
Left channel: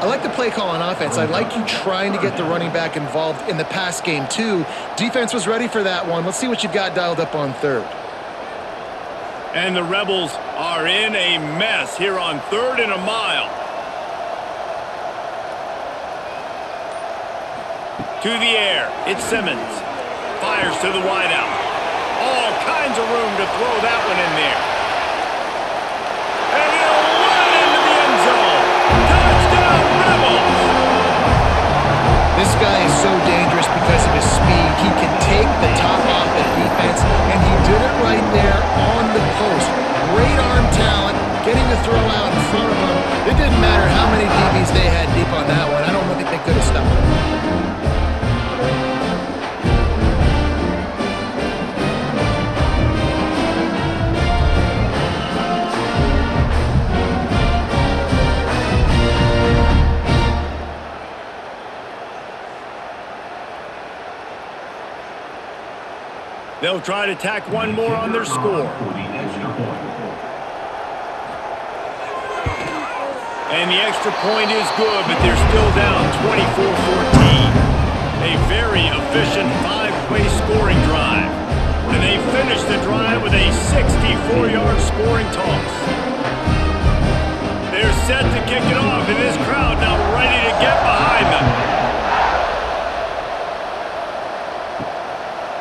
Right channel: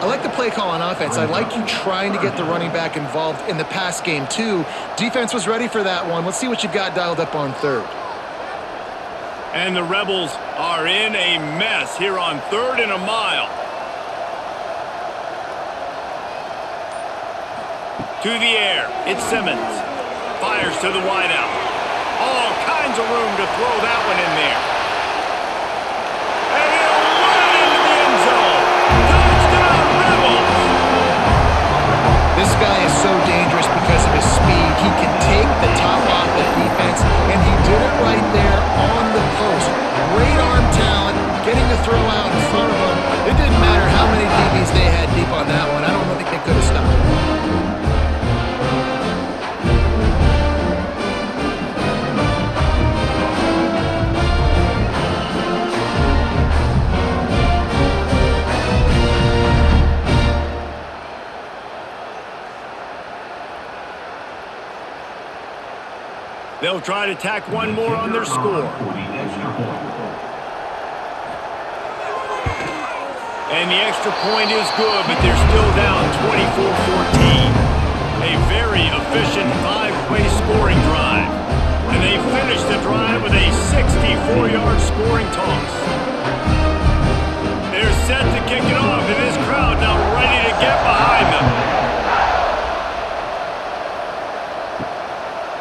I like the play call on offense. I like you trying to get the running back involved in the pass game, too. Defense was ready for that one. Let's see what you've got dialed up on 3rd. And the Rebels are in a mess here on 3rd and a mile. To the air, it's Simmons. Fires to the wideout. All kinds of room to throw that one in there. And he'll run it into the end zone. Touchdown, Rebels! This guy is so dangerous because of his speed. He can take the top off the defense, and he did it right there on the post. Great arm talent, getting the throw out in front of him. It didn't matter how many DBs they had deep on that one. I don't think they could have stopped. They'll try to tack one more on their score. And the extra point is good, but they're still down 24-14. A very efficient 5-play scoring drive. And they finish the drive with a 64-yard scoring toss. They're set to kick it off, and this crowd now ready to get behind them.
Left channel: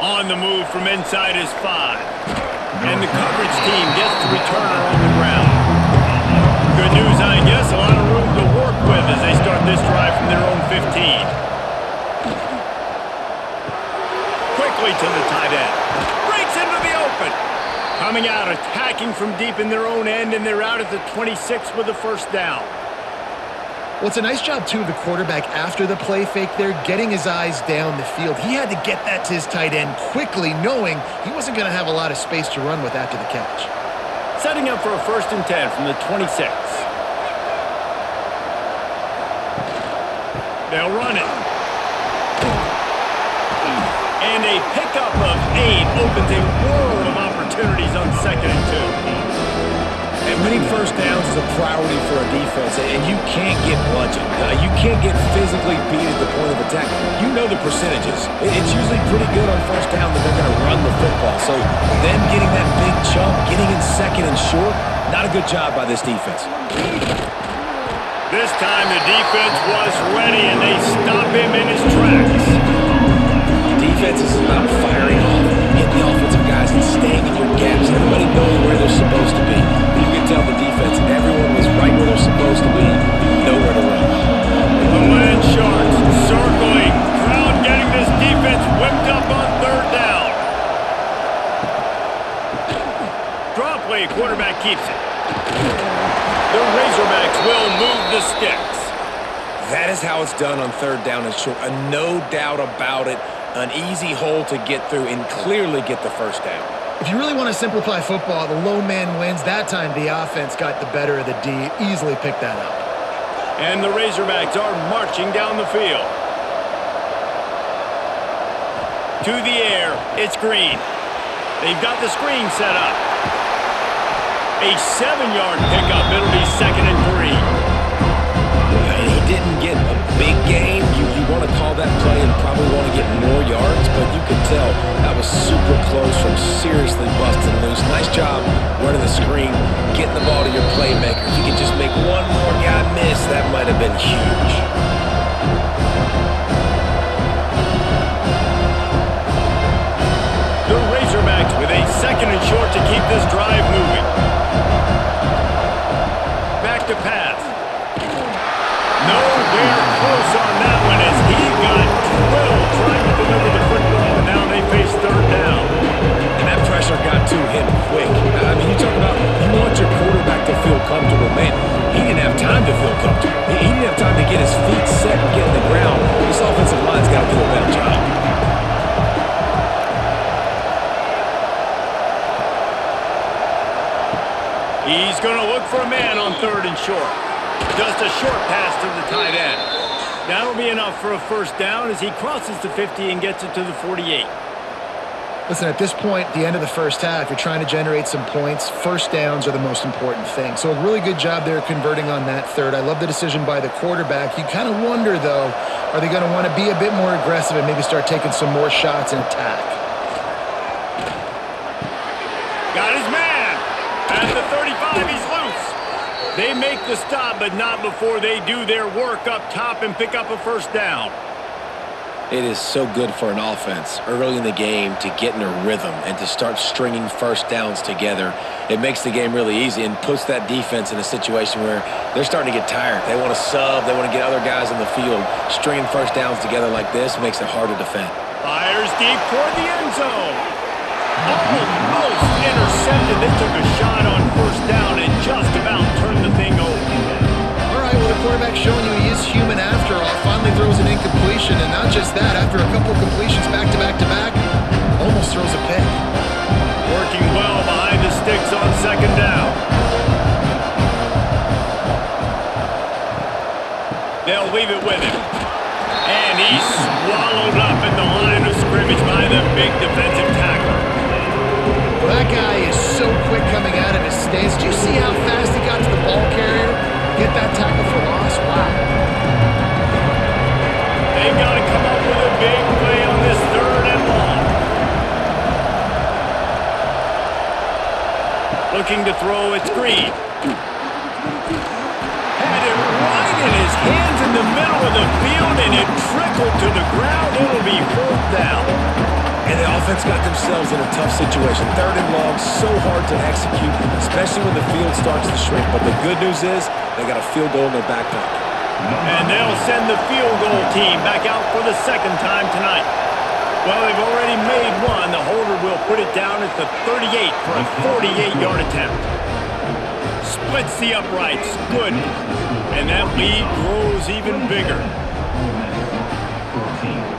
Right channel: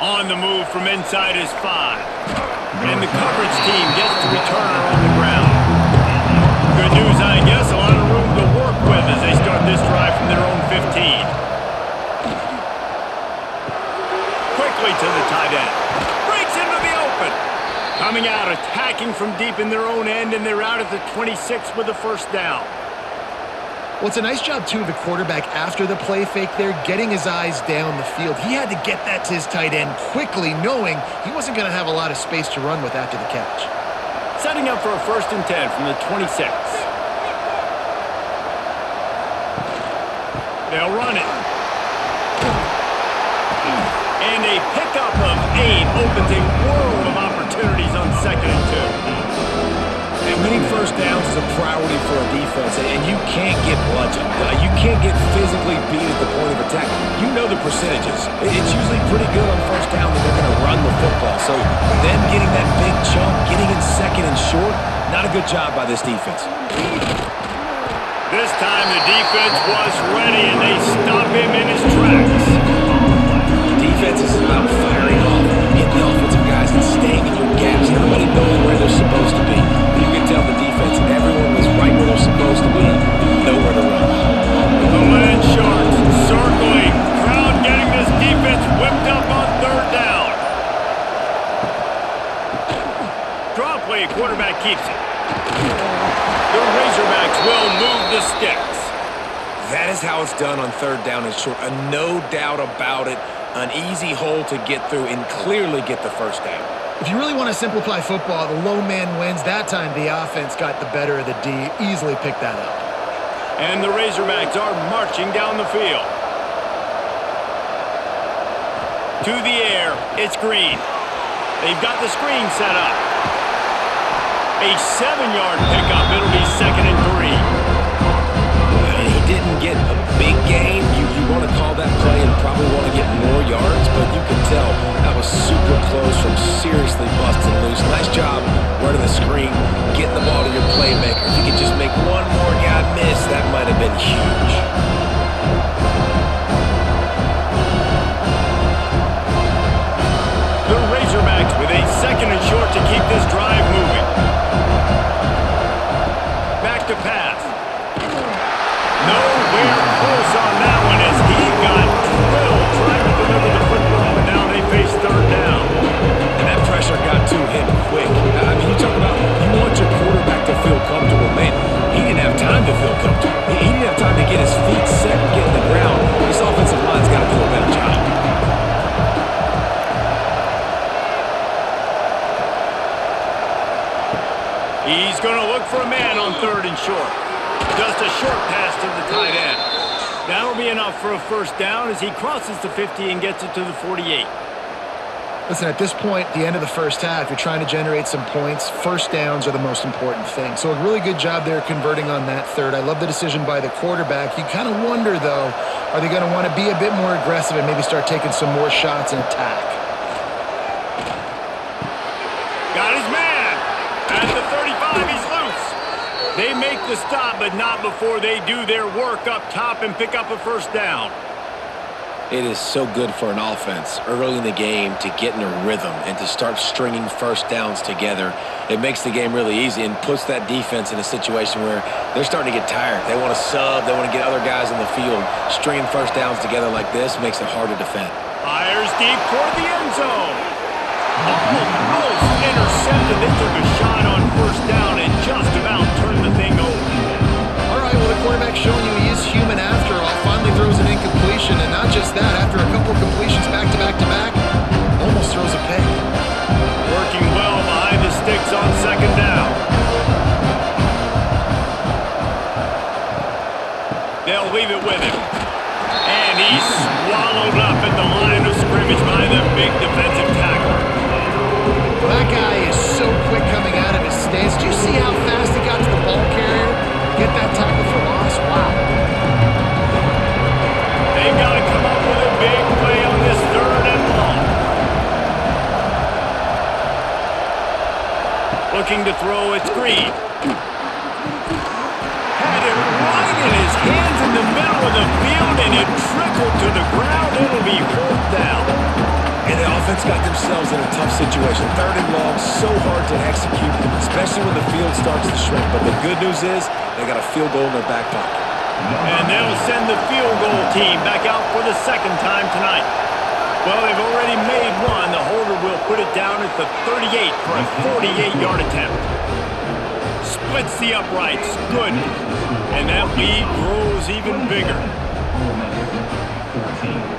On the move from inside his 5. And the coverage team gets the returner on the ground. Good news, I guess, a lot of room to work with as they start this drive from their own 15. Quickly to the tight end. Breaks into the open. Coming out, attacking from deep in their own end, and they're out at the 26 with the first down. Well, it's a nice job, too, of the quarterback after the play fake there, getting his eyes down the field. He had to get that to his tight end quickly, knowing he wasn't going to have a lot of space to run with after the catch. Setting up for a 1st and 10 from the 26. They'll run it. And a pickup of 8 opens a world of opportunities on 2nd and 2. And winning first downs is a priority for a defense, and you can't get bludgeoned. You can't get physically beat at the point of attack. You know the percentages. It's usually pretty good on first down that they're going to run the football. So them getting that big chunk, getting in 2nd and short, not a good job by this defense. This time the defense was ready, and they stop him in his tracks. Defense is about firing off, hitting the offensive guys, and staying in your gaps. Everybody knowing where they're supposed to be. You can tell the defense, everyone was right where they're supposed to be, nowhere to run. The Land Sharks circling. Crowd getting this defense whipped up on 3rd down. Draw play, quarterback keeps it. The Razorbacks will move the sticks. That is how it's done on 3rd down and short. No doubt about it. An easy hole to get through and clearly get the first down. If you really want to simplify football, the low man wins. That time the offense got the better of the D. Easily picked that up. And the Razorbacks are marching down the field. To the air, it's Green. They've got the screen set up. A 7-yard pickup. It'll be 2nd and 3. He didn't get a big gain. You want to call that that play and probably want to get more yards, but you could tell that was super close from seriously busting loose. Nice job running the screen, getting the ball to your playmaker. If you could just make one more guy miss, that might have been huge. The Razorbacks with a 2nd and short to keep this drive moving. Back to pass. Nowhere close on that one as he got drilled trying to deliver the football, and now they face 3rd down. And that pressure got to him quick. I mean, you talk about you want your quarterback to feel comfortable. Man, he didn't have time to feel comfortable. He didn't have time to get his feet set and get in the ground. This offensive line's got to do a better job. He's going to look for a man on 3rd and short. Just a short pass to the tight end. That'll be enough for a 1st down as he crosses the 50 and gets it to the 48. Listen, at this point, the end of the first half, you're trying to generate some points. 1st downs are the most important thing. So a really good job there converting on that 3rd. I love the decision by the quarterback. You kind of wonder, though, are they going to want to be a bit more aggressive and maybe start taking some more shots and attack? Got his man. At the 35, he's loose. They make the stop, but not before they do their work up top and pick up a 1st down. It is so good for an offense early in the game to get in a rhythm and to start stringing 1st downs together. It makes the game really easy and puts that defense in a situation where they're starting to get tired. They want to sub. They want to get other guys on the field. Stringing 1st downs together like this makes it hard to defend. Fires deep toward the end zone. Almost intercepted. They took a shot on 1st down and just about turned the thing over. All right, well, the quarterback's showing you he is human after all. Finally throws an incompletion, and not just that, after a couple completions back to back to back, almost throws a pick. Working well behind the sticks on 2nd down. They'll leave it with him. And he's swallowed up at the line of scrimmage by the big defensive tackle. Well, that guy is so quick coming out of his stance. Do you see how fast he got to the ball carrier? Get that tackle for loss? Wow. They've got to come up with a big play on this 3rd and long. Looking to throw, it's Green. Had it right in his hands in the middle of the field, and it trickled to the ground. It'll be 4th down. And the offense got themselves in a tough situation. 3rd and long, so hard to execute, especially when the field starts to shrink. But the good news is they got a field goal in their back pocket. And they'll send the field goal team back out for the 2nd time tonight. Well, they've already made one. The holder will put it down at the 38 for a 48-yard attempt. Splits the uprights. Good. And that lead grows even bigger. Ole Miss 14.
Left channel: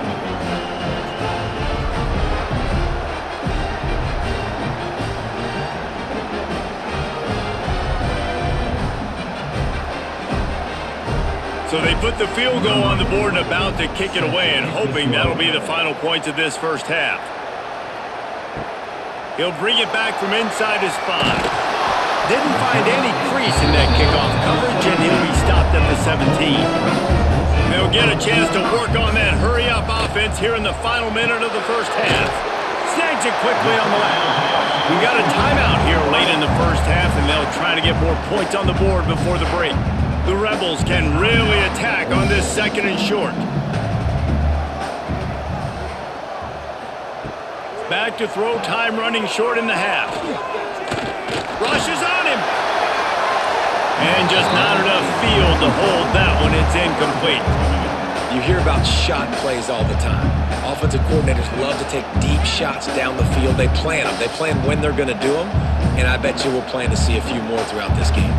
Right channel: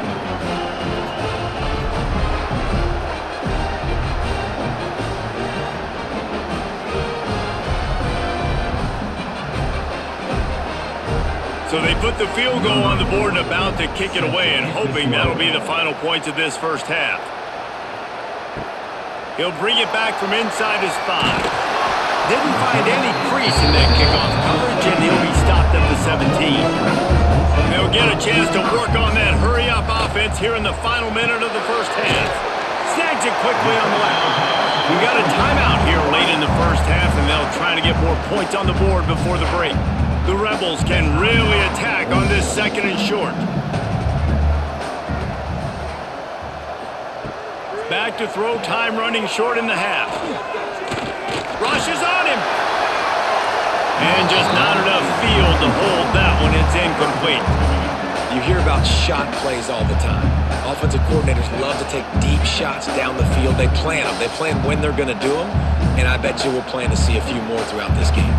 So they put the field goal on the board and about to kick it away, and hoping that'll be the final points of this 1st half. He'll bring it back from inside his 5. Didn't find any crease in that kickoff coverage, and he'll be stopped at the 17. They'll get a chance to work on that hurry-up offense here in the final minute of the 1st half. Snags it quickly on the left. We got a timeout here late in the 1st half, and they'll try to get more points on the board before the break. The Rebels can really attack on this 2nd and short. Back to throw, time running short in the half. Rushes on him. And just not enough field to hold that one. It's incomplete. You hear about shot plays all the time. Offensive coordinators love to take deep shots down the field. They plan them. They plan when they're going to do them. And I bet you we'll plan to see a few more throughout this game.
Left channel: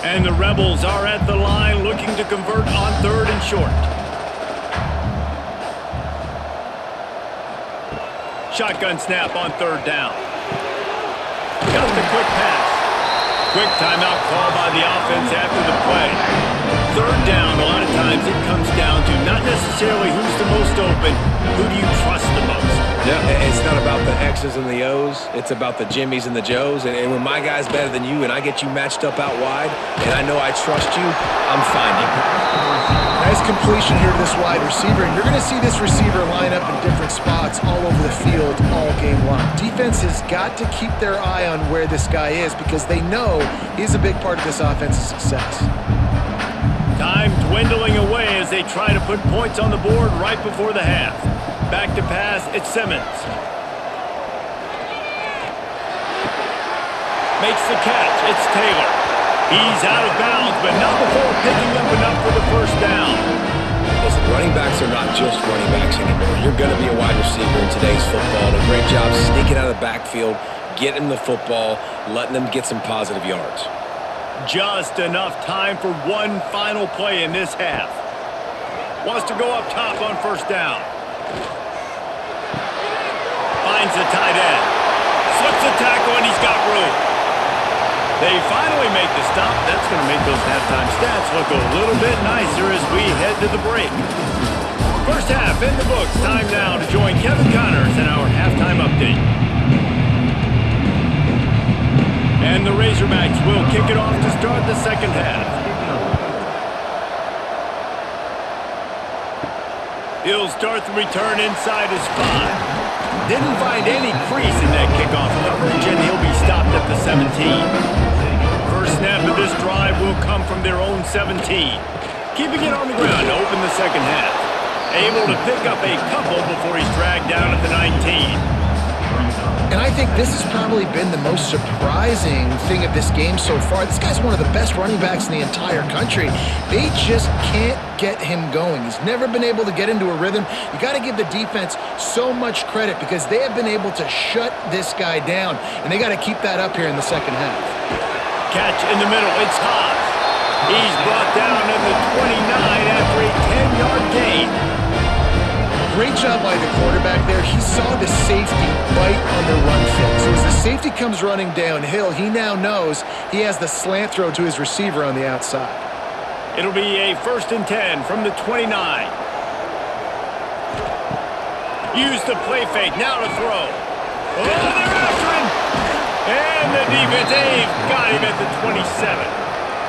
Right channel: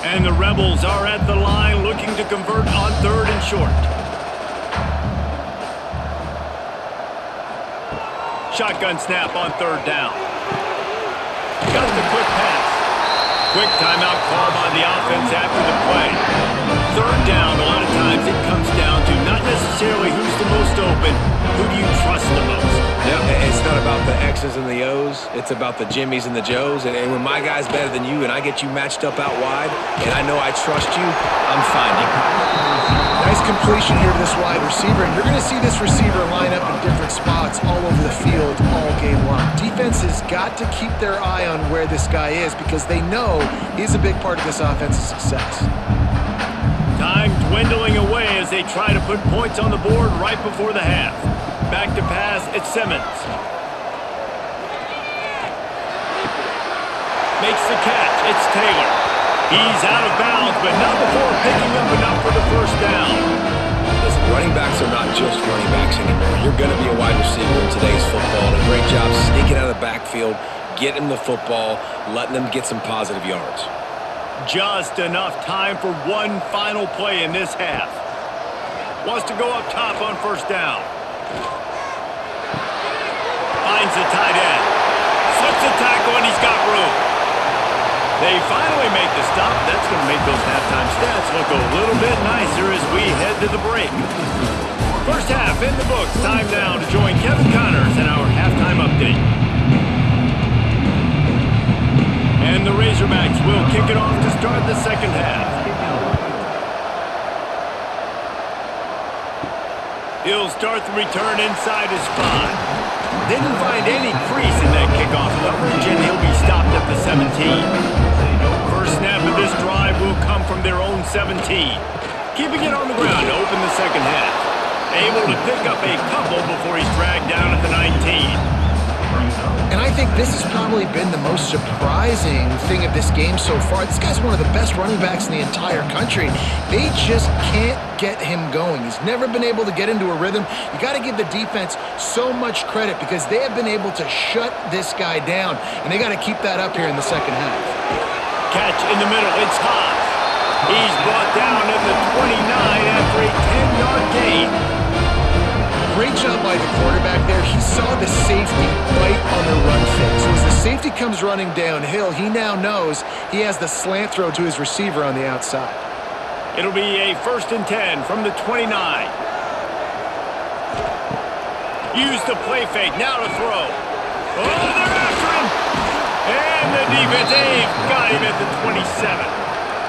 And the Rebels are at the line looking to convert on 3rd and short. Shotgun snap on 3rd down. Got the quick pass. Quick timeout call by the offense after the play. 3rd down, a lot of time times it comes down to not necessarily who's the most open, who do you trust the most? Yeah, it's not about the X's and the O's. It's about the Jimmys and the Joes. And when my guy's better than you and I get you matched up out wide and I know I trust you, I'm finding you. Nice completion here to this wide receiver, and you're going to see this receiver line up in different spots all over the field all game long. Defense has got to keep their eye on where this guy is because they know he's a big part of this offense's success. Time dwindling away as they try to put points on the board right before the half. Back to pass, it's Simmons. Makes the catch, it's Taylor. He's out of bounds, but not before picking up enough for the first down. Listen, running backs are not just running backs anymore. You're going to be a wide receiver in today's football, and a great job sneaking out of the backfield, getting them the football, letting them get some positive yards. Just enough time for one final play in this half. Wants to go up top on first down. Finds the tight end. Slips a tackle, and he's got room. They finally make the stop. That's going to make those halftime stats look a little bit nicer as we head to the break. First half in the books. Time now to join Kevin Connors in our halftime update. And the Razorbacks will kick it off to start the second half. He'll start the return inside his 5. Didn't find any crease in that kickoff coverage, and he'll be stopped at the 17. First snap of this drive will come from their own 17. Keeping it on the ground to open the second half. Able to pick up a couple before he's dragged down at the 19. And I think this has probably been the most surprising thing of this game so far. This guy's one of the best running backs in the entire country. They just can't get him going. He's never been able to get into a rhythm. You got to give the defense so much credit because they have been able to shut this guy down, and they got to keep that up here in the second half. Catch in the middle, it's Haas. He's brought down at the 29 after a 10-yard gain. Great job by the quarterback there. He saw the safety bite on the run fake. So as the safety comes running downhill, he now knows he has the slant throw to his receiver on the outside. It'll be a 1st and 10 from the 29. Use the play fake, now to throw. Oh, they're after him! And the defense, they've got him at the 27.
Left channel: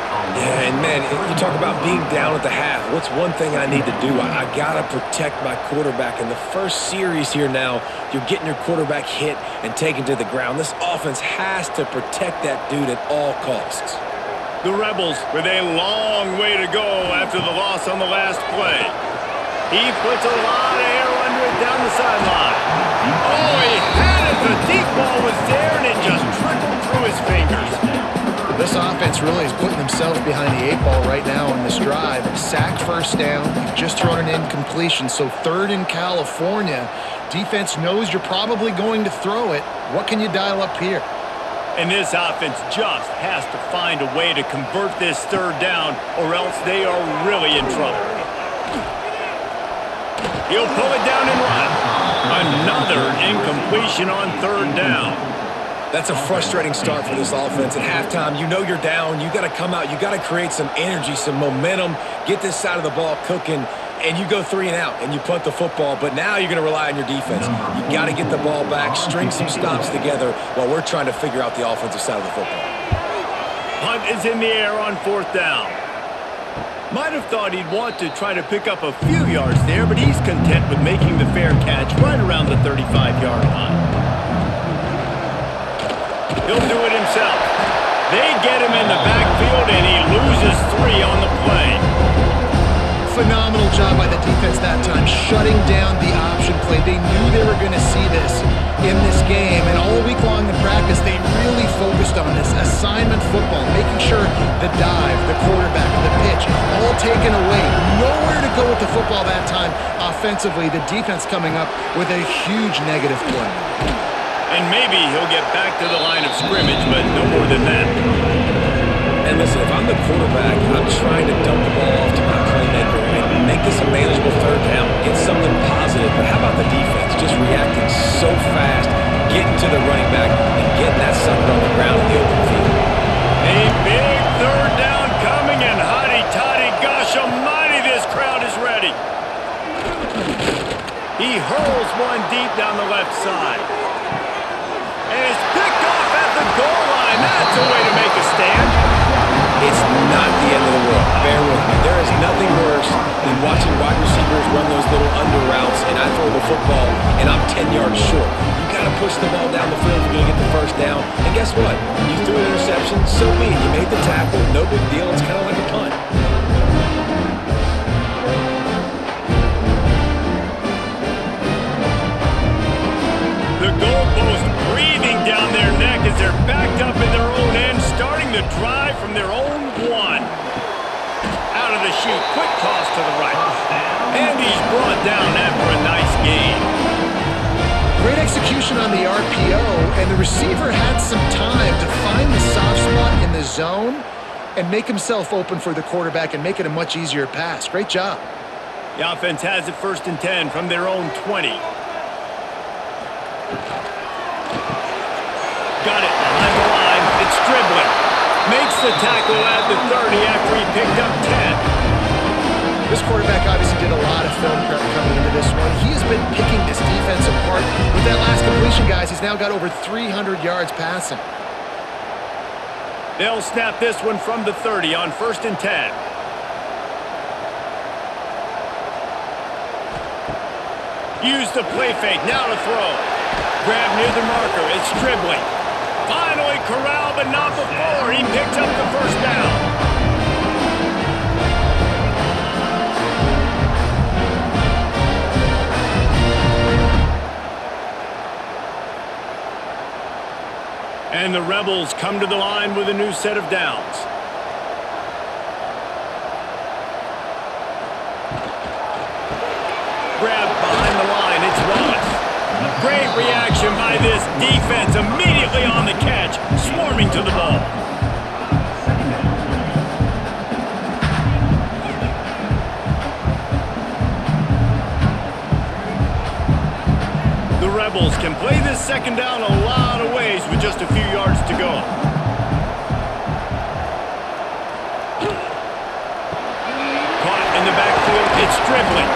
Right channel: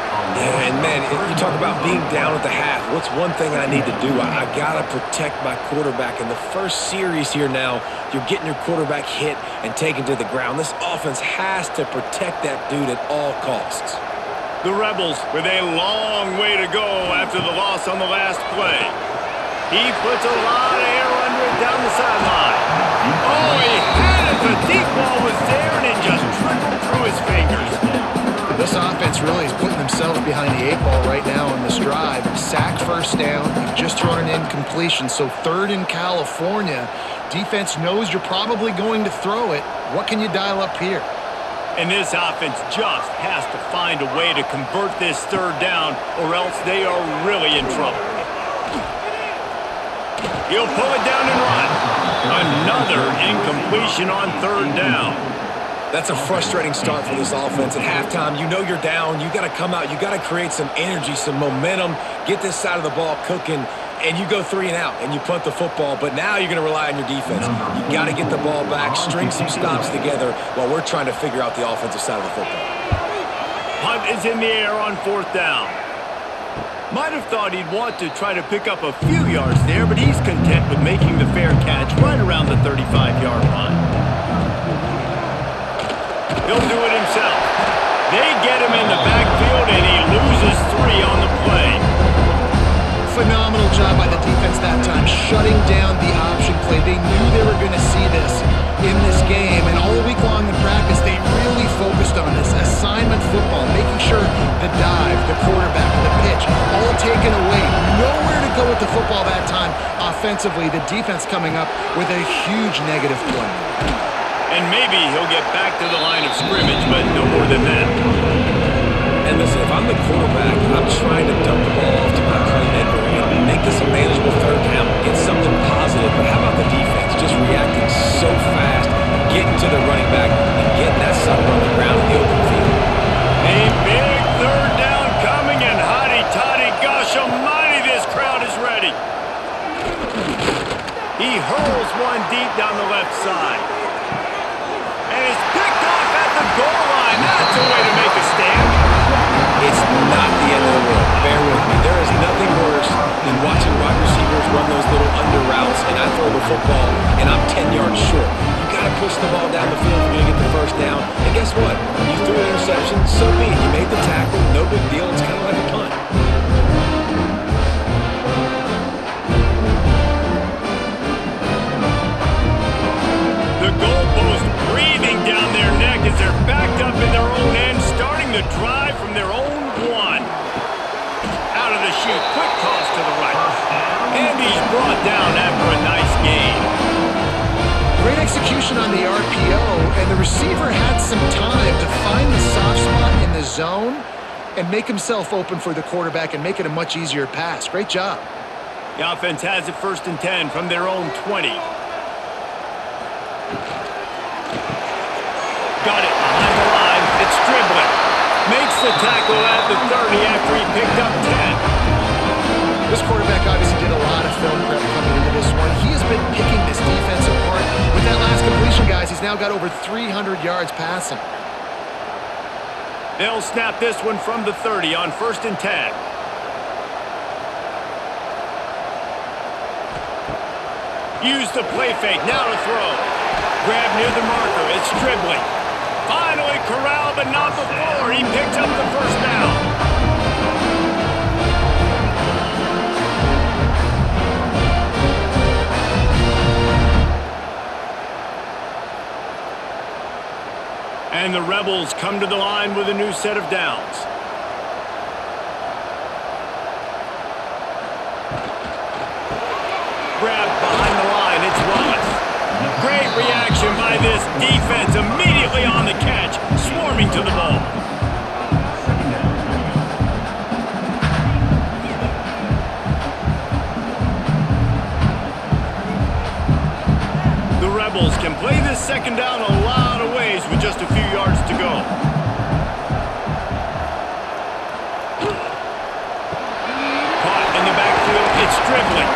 Yeah, and man, you talk about being down at the half. What's one thing I need to do? I got to protect my quarterback. In the first series here now, you're getting your quarterback hit and taken to the ground. This offense has to protect that dude at all costs. The Rebels with a long way to go after the loss on the last play. He puts a lot of air under it down the sideline. Oh, he had it. The deep ball was there, and it just trickled through his fingers. This offense really is putting themselves behind the 8 ball right now on this drive. Sack first down. You've just thrown an incompletion, so 3rd in California. Defense knows you're probably going to throw it. What can you dial up here? And this offense just has to find a way to convert this 3rd down, or else they are really in trouble. He'll pull it down and run. Another incompletion on 3rd down. That's a frustrating start for this offense. At halftime, you know you're down. You got to come out. You got to create some energy, some momentum, get this side of the ball cooking, and you go 3 and out, and you punt the football. But now you're going to rely on your defense. You got to get the ball back, string some stops together while we're trying to figure out the offensive side of the football. Punt is in the air on 4th down. Might have thought he'd want to try to pick up a few yards there, but he's content with making the fair catch right around the 35-yard line. He'll do it himself. They get him in the backfield, and he loses 3 on the play. Phenomenal job by the defense that time, shutting down the option play. They knew they were going to see this in this game, and all week long in practice, they really focused on this assignment football, making sure the dive, the quarterback, the pitch, all taken away. Nowhere to go with the football that time offensively. The defense coming up with a huge negative play. And maybe he'll get back to the line of scrimmage, but no more than that. And listen, if I'm the quarterback, I'm trying to dump the ball off to my playmaker and make this a manageable 3rd down, get something positive. But how about the defense just reacting so fast, getting to the running back, and getting that sucker on the ground in the open field? A big 3rd down coming, and hotty-toddy My gosh almighty, this crowd is ready. He hurls one deep down the left side. And it's picked off at the goal line. That's a way to make a stand. It's not the end of the world. Bear with me. There is nothing worse than watching wide receivers run those little under routes, and I throw the football, and I'm 10 yards short. You got to push the ball down the field if you're going to get the first down. And guess what? You threw an interception, so be it. You made the tackle, no big deal. It's kind of like a punt. The goalpost breathing down their neck as they're backed up in their own end, starting the drive from their own one. Out of the chute, quick toss to the right. And he's brought down after a nice gain. Great execution on the RPO, and the receiver had some time to find the soft spot in the zone and make himself open for the quarterback and make it a much easier pass. Great job. The offense has it 1st and 10 from their own 20. Got it behind the line. It's dribbling. Makes the tackle at the 30 after he picked up 10. This quarterback obviously did a lot of film prep coming into this one. He has been picking this defense apart. With that last completion, guys, he's now got over 300 yards passing. They'll snap this one from the 30 on 1st and 10. Use the play fake. Now to throw. Grab near the marker. It's dribbling. Finally corralled, but not before. He picked up the first down. And the Rebels come to the line with a new set of downs. Grabbed behind the line. It's Wallace. Great reaction by this defense, immediately on the catch, swarming to the ball. Second down coming up. The Rebels can play this second down a lot of ways with just a few yards to go. Caught in the backfield, it's dribbling.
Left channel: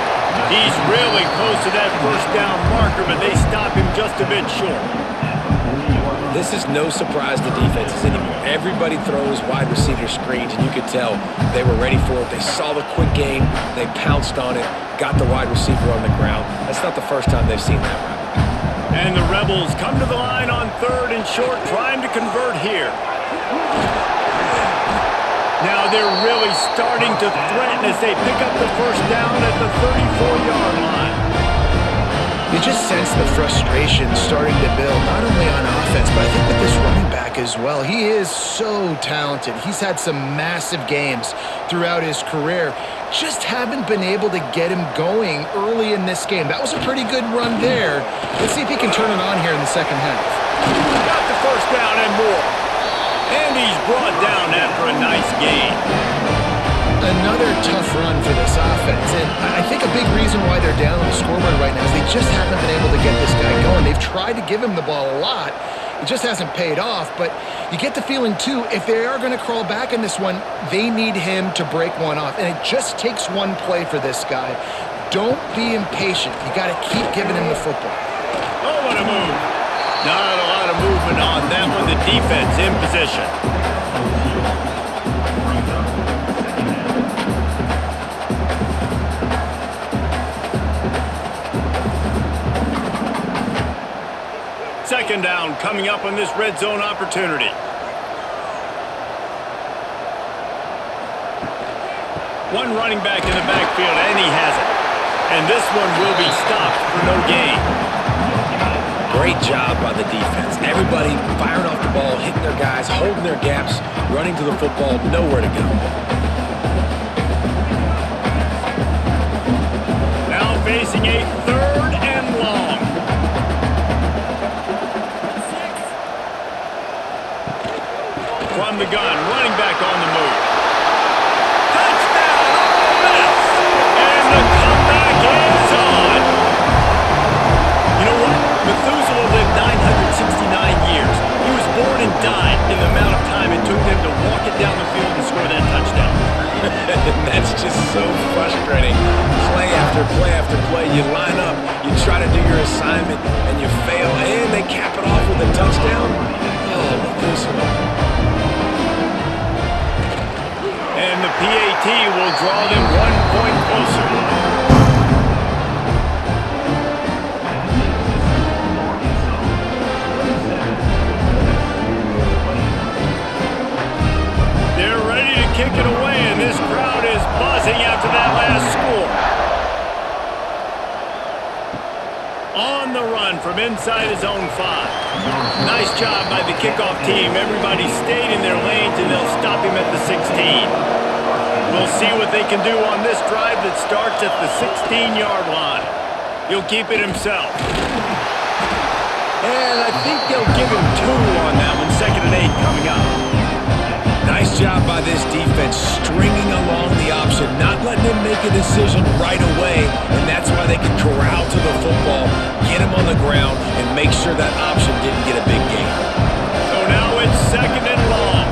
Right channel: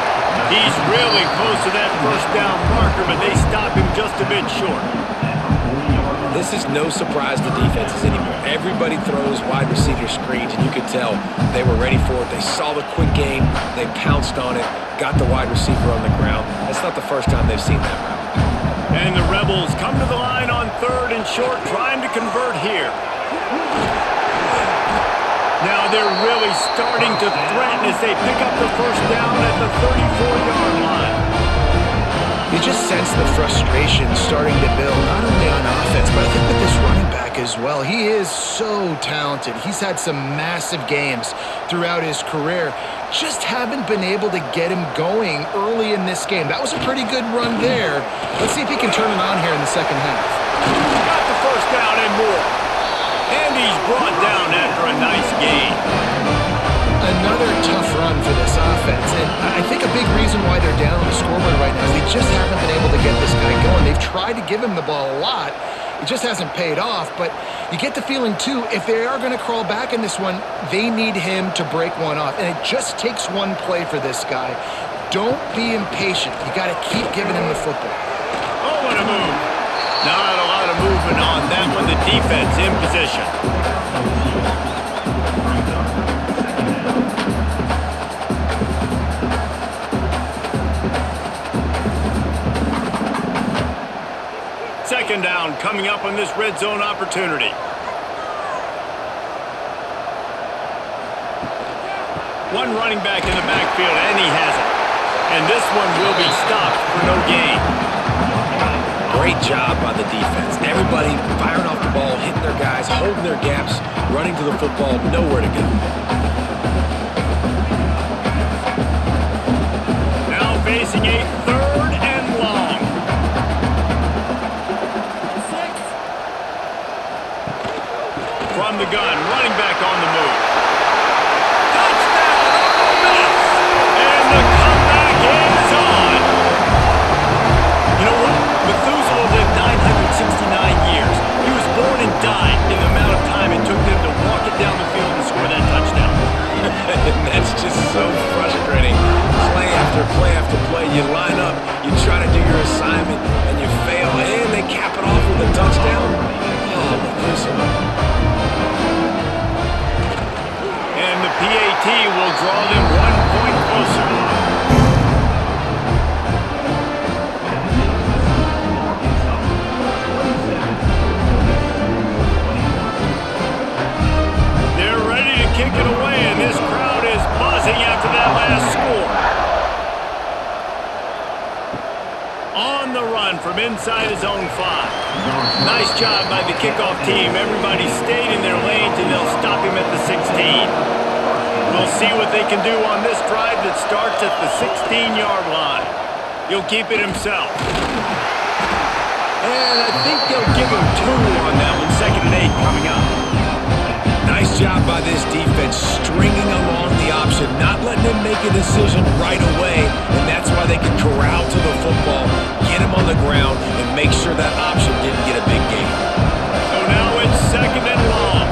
He's really close to that first down marker, but they stop him just a bit short. This is no surprise to defenses anymore. Everybody throws wide receiver screens, and you could tell they were ready for it. They saw the quick game. They pounced on it, got the wide receiver on the ground. That's not the first time they've seen that route. And the Rebels come to the line on 3rd and short, trying to convert here. Now they're really starting to threaten as they pick up the first down at the 34-yard line. You just sense the frustration starting to build, not only on offense, but I think with this running back as well. He is so talented. He's had some massive games throughout his career. Just haven't been able to get him going early in this game. That was a pretty good run there. Let's see if he can turn it on here in the second half. Got the first down and more. And he's brought down after a nice gain. Another tough run for this offense, and I think a big reason why they're down on the scoreboard right now is they just haven't been able to get this guy going. They've tried to give him the ball a lot. It just hasn't paid off, but you get the feeling, too, if they are going to crawl back in this one, they need him to break one off, and it just takes one play for this guy. Don't be impatient. You got to keep giving him the football. Oh, what a move. Not a lot of movement on that one. The defense in position. Brings up second down. Second down coming up on this red zone opportunity. One running back in the backfield, and he has it. And this one will be stopped for no gain. Great job by the defense. Everybody firing off the ball, hitting their guys, holding their gaps, running to the football, nowhere to go. Now facing a 3rd and long. From the gun, running back on the move. Touchdown, Ole Miss! And the comeback is on. You know what? Methuselah lived 969 years. He was born and died in the amount of time it took them to walk it down the field and score that touchdown. And that's just so frustrating. Play after play after play, you line up, you try to do your assignment, and you fail, and they cap it off with a touchdown. Oh, Methuselah. And the PAT will draw them 1 point closer. That is the score for Arkansas. 27, Ole Miss 21. They're ready to kick it away, and this crowd is buzzing after that last score. On the run from inside his own 5. Nice job by the kickoff team. Everybody stayed in their lanes, and they'll stop him at the 16. We'll see what they can do on this drive that starts at the 16-yard line. He'll keep it himself. And I think they'll give him 2 on that one. 2nd and 8 coming up. Nice job by this defense stringing along the option, not letting him make a decision right away, and that's why they could corral to the football, get him on the ground, and make sure that option didn't get a big gain. So now it's 2nd and long.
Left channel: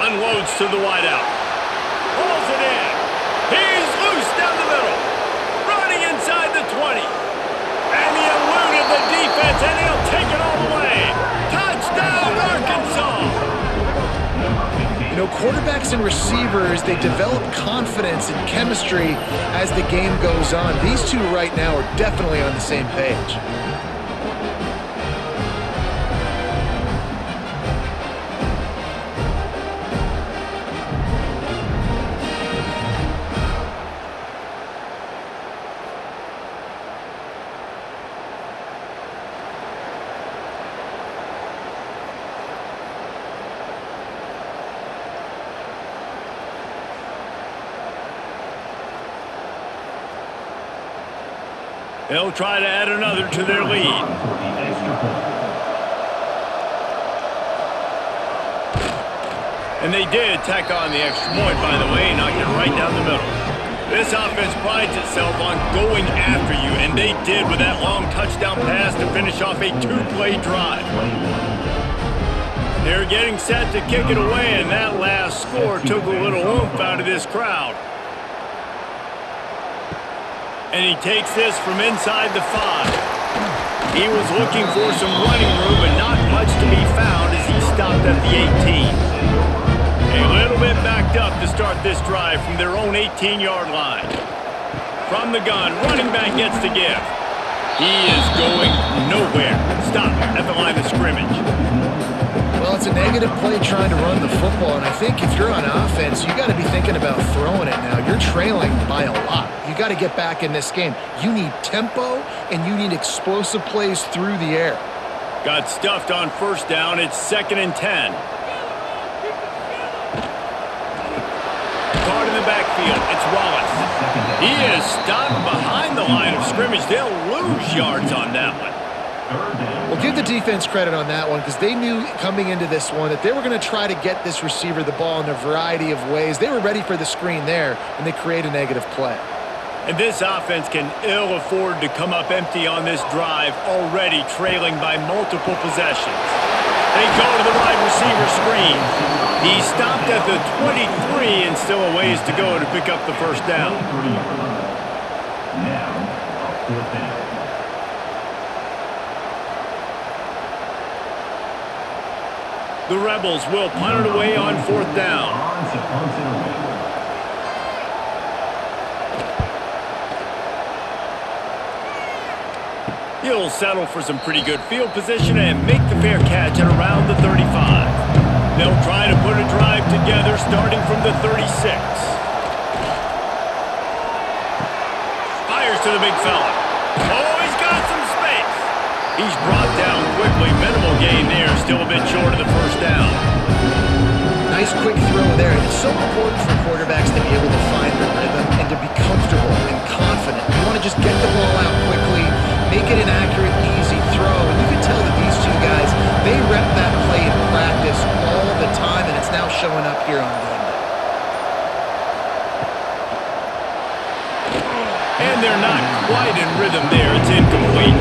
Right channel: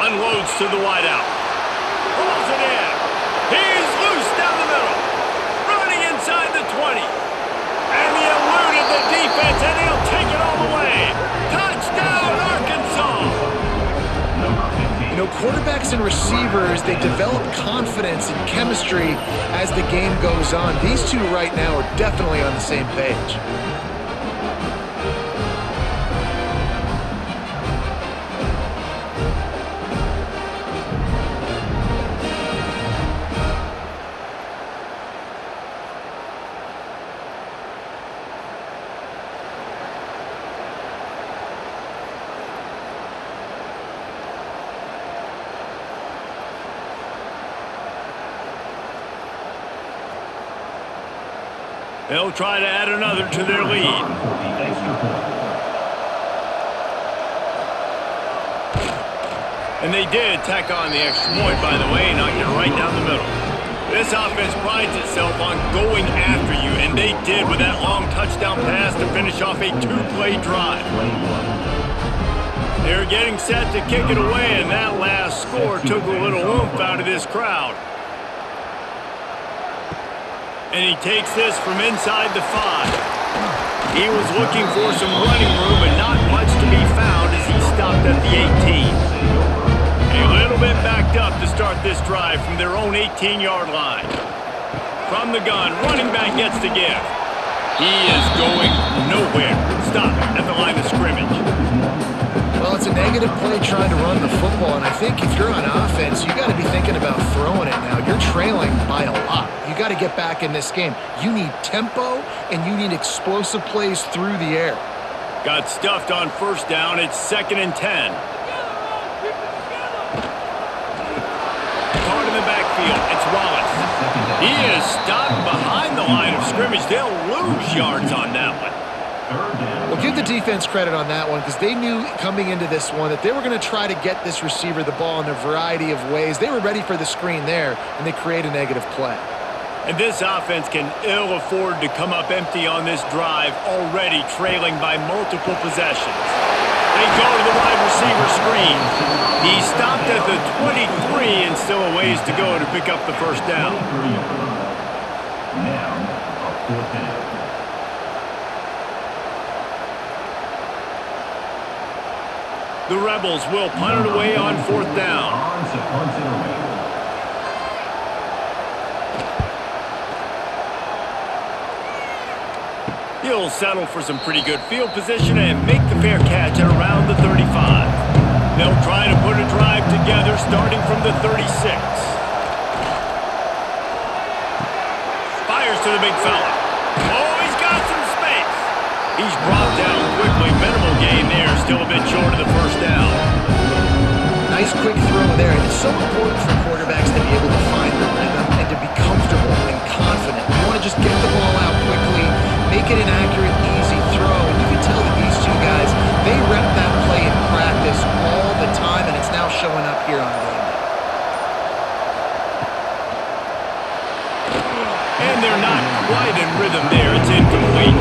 Unloads to the wideout. Pulls it in. He's loose down the middle. Running inside the 20. And he eluded the defense, and he'll take it all the way. Touchdown, Arkansas! You know, quarterbacks and receivers, they develop confidence and chemistry as the game goes on. These two right now are definitely on the same page. They'll try to add another to their lead. For the extra point. And they did tack on the extra point, by the way, knocked it right down the middle. This offense prides itself on going after you, and they did with that long touchdown pass to finish off a 2-play drive. 21. They're getting set to kick it away, and that last score took a little oomph out of this crowd. And he takes this from inside the 5. He was looking for some running room, but not much to be found as he stopped at the 18. A little bit backed up to start this drive from their own 18-yard line. From the gun, running back gets the give. He is going nowhere. Stop at the line of scrimmage. Well, it's a negative play trying to run the football, and I think if you're on offense, you got to be thinking about throwing it now. You're trailing by a lot. You got to get back in this game. You need tempo, and you need explosive plays through the air. Got stuffed on 1st down. It's 2nd and 10. Caught in the backfield. It's Wallace. He is stopped behind the line of scrimmage. They'll lose yards on that one. Well, give the defense credit on that one because they knew coming into this one that they were going to try to get this receiver the ball in a variety of ways. They were ready for the screen there, and they create a negative play. And this offense can ill afford to come up empty on this drive, already trailing by multiple possessions. They go to the wide receiver screen. He stopped at the 23 and still a ways to go to pick up the 1st down. Now, a 4th down. The Rebels will punt it away on 4th down. On to punt it away. He'll settle for some pretty good field position and make the fair catch at around the 35. They'll try to put a drive together starting from the 36. Fires to the big fella. Oh, he's got some space. He's brought down quickly. Minimal gain there. Still a bit short of the 1st down. Nice quick throw there, and it's so important for quarterbacks to be able to find a rhythm and to be comfortable and confident. You want to just get the ball out quickly, make it an accurate, easy throw, and you can tell that these two guys, they rep that play in practice all the time, and it's now showing up here on game day. And they're not quite in rhythm there. It's incomplete.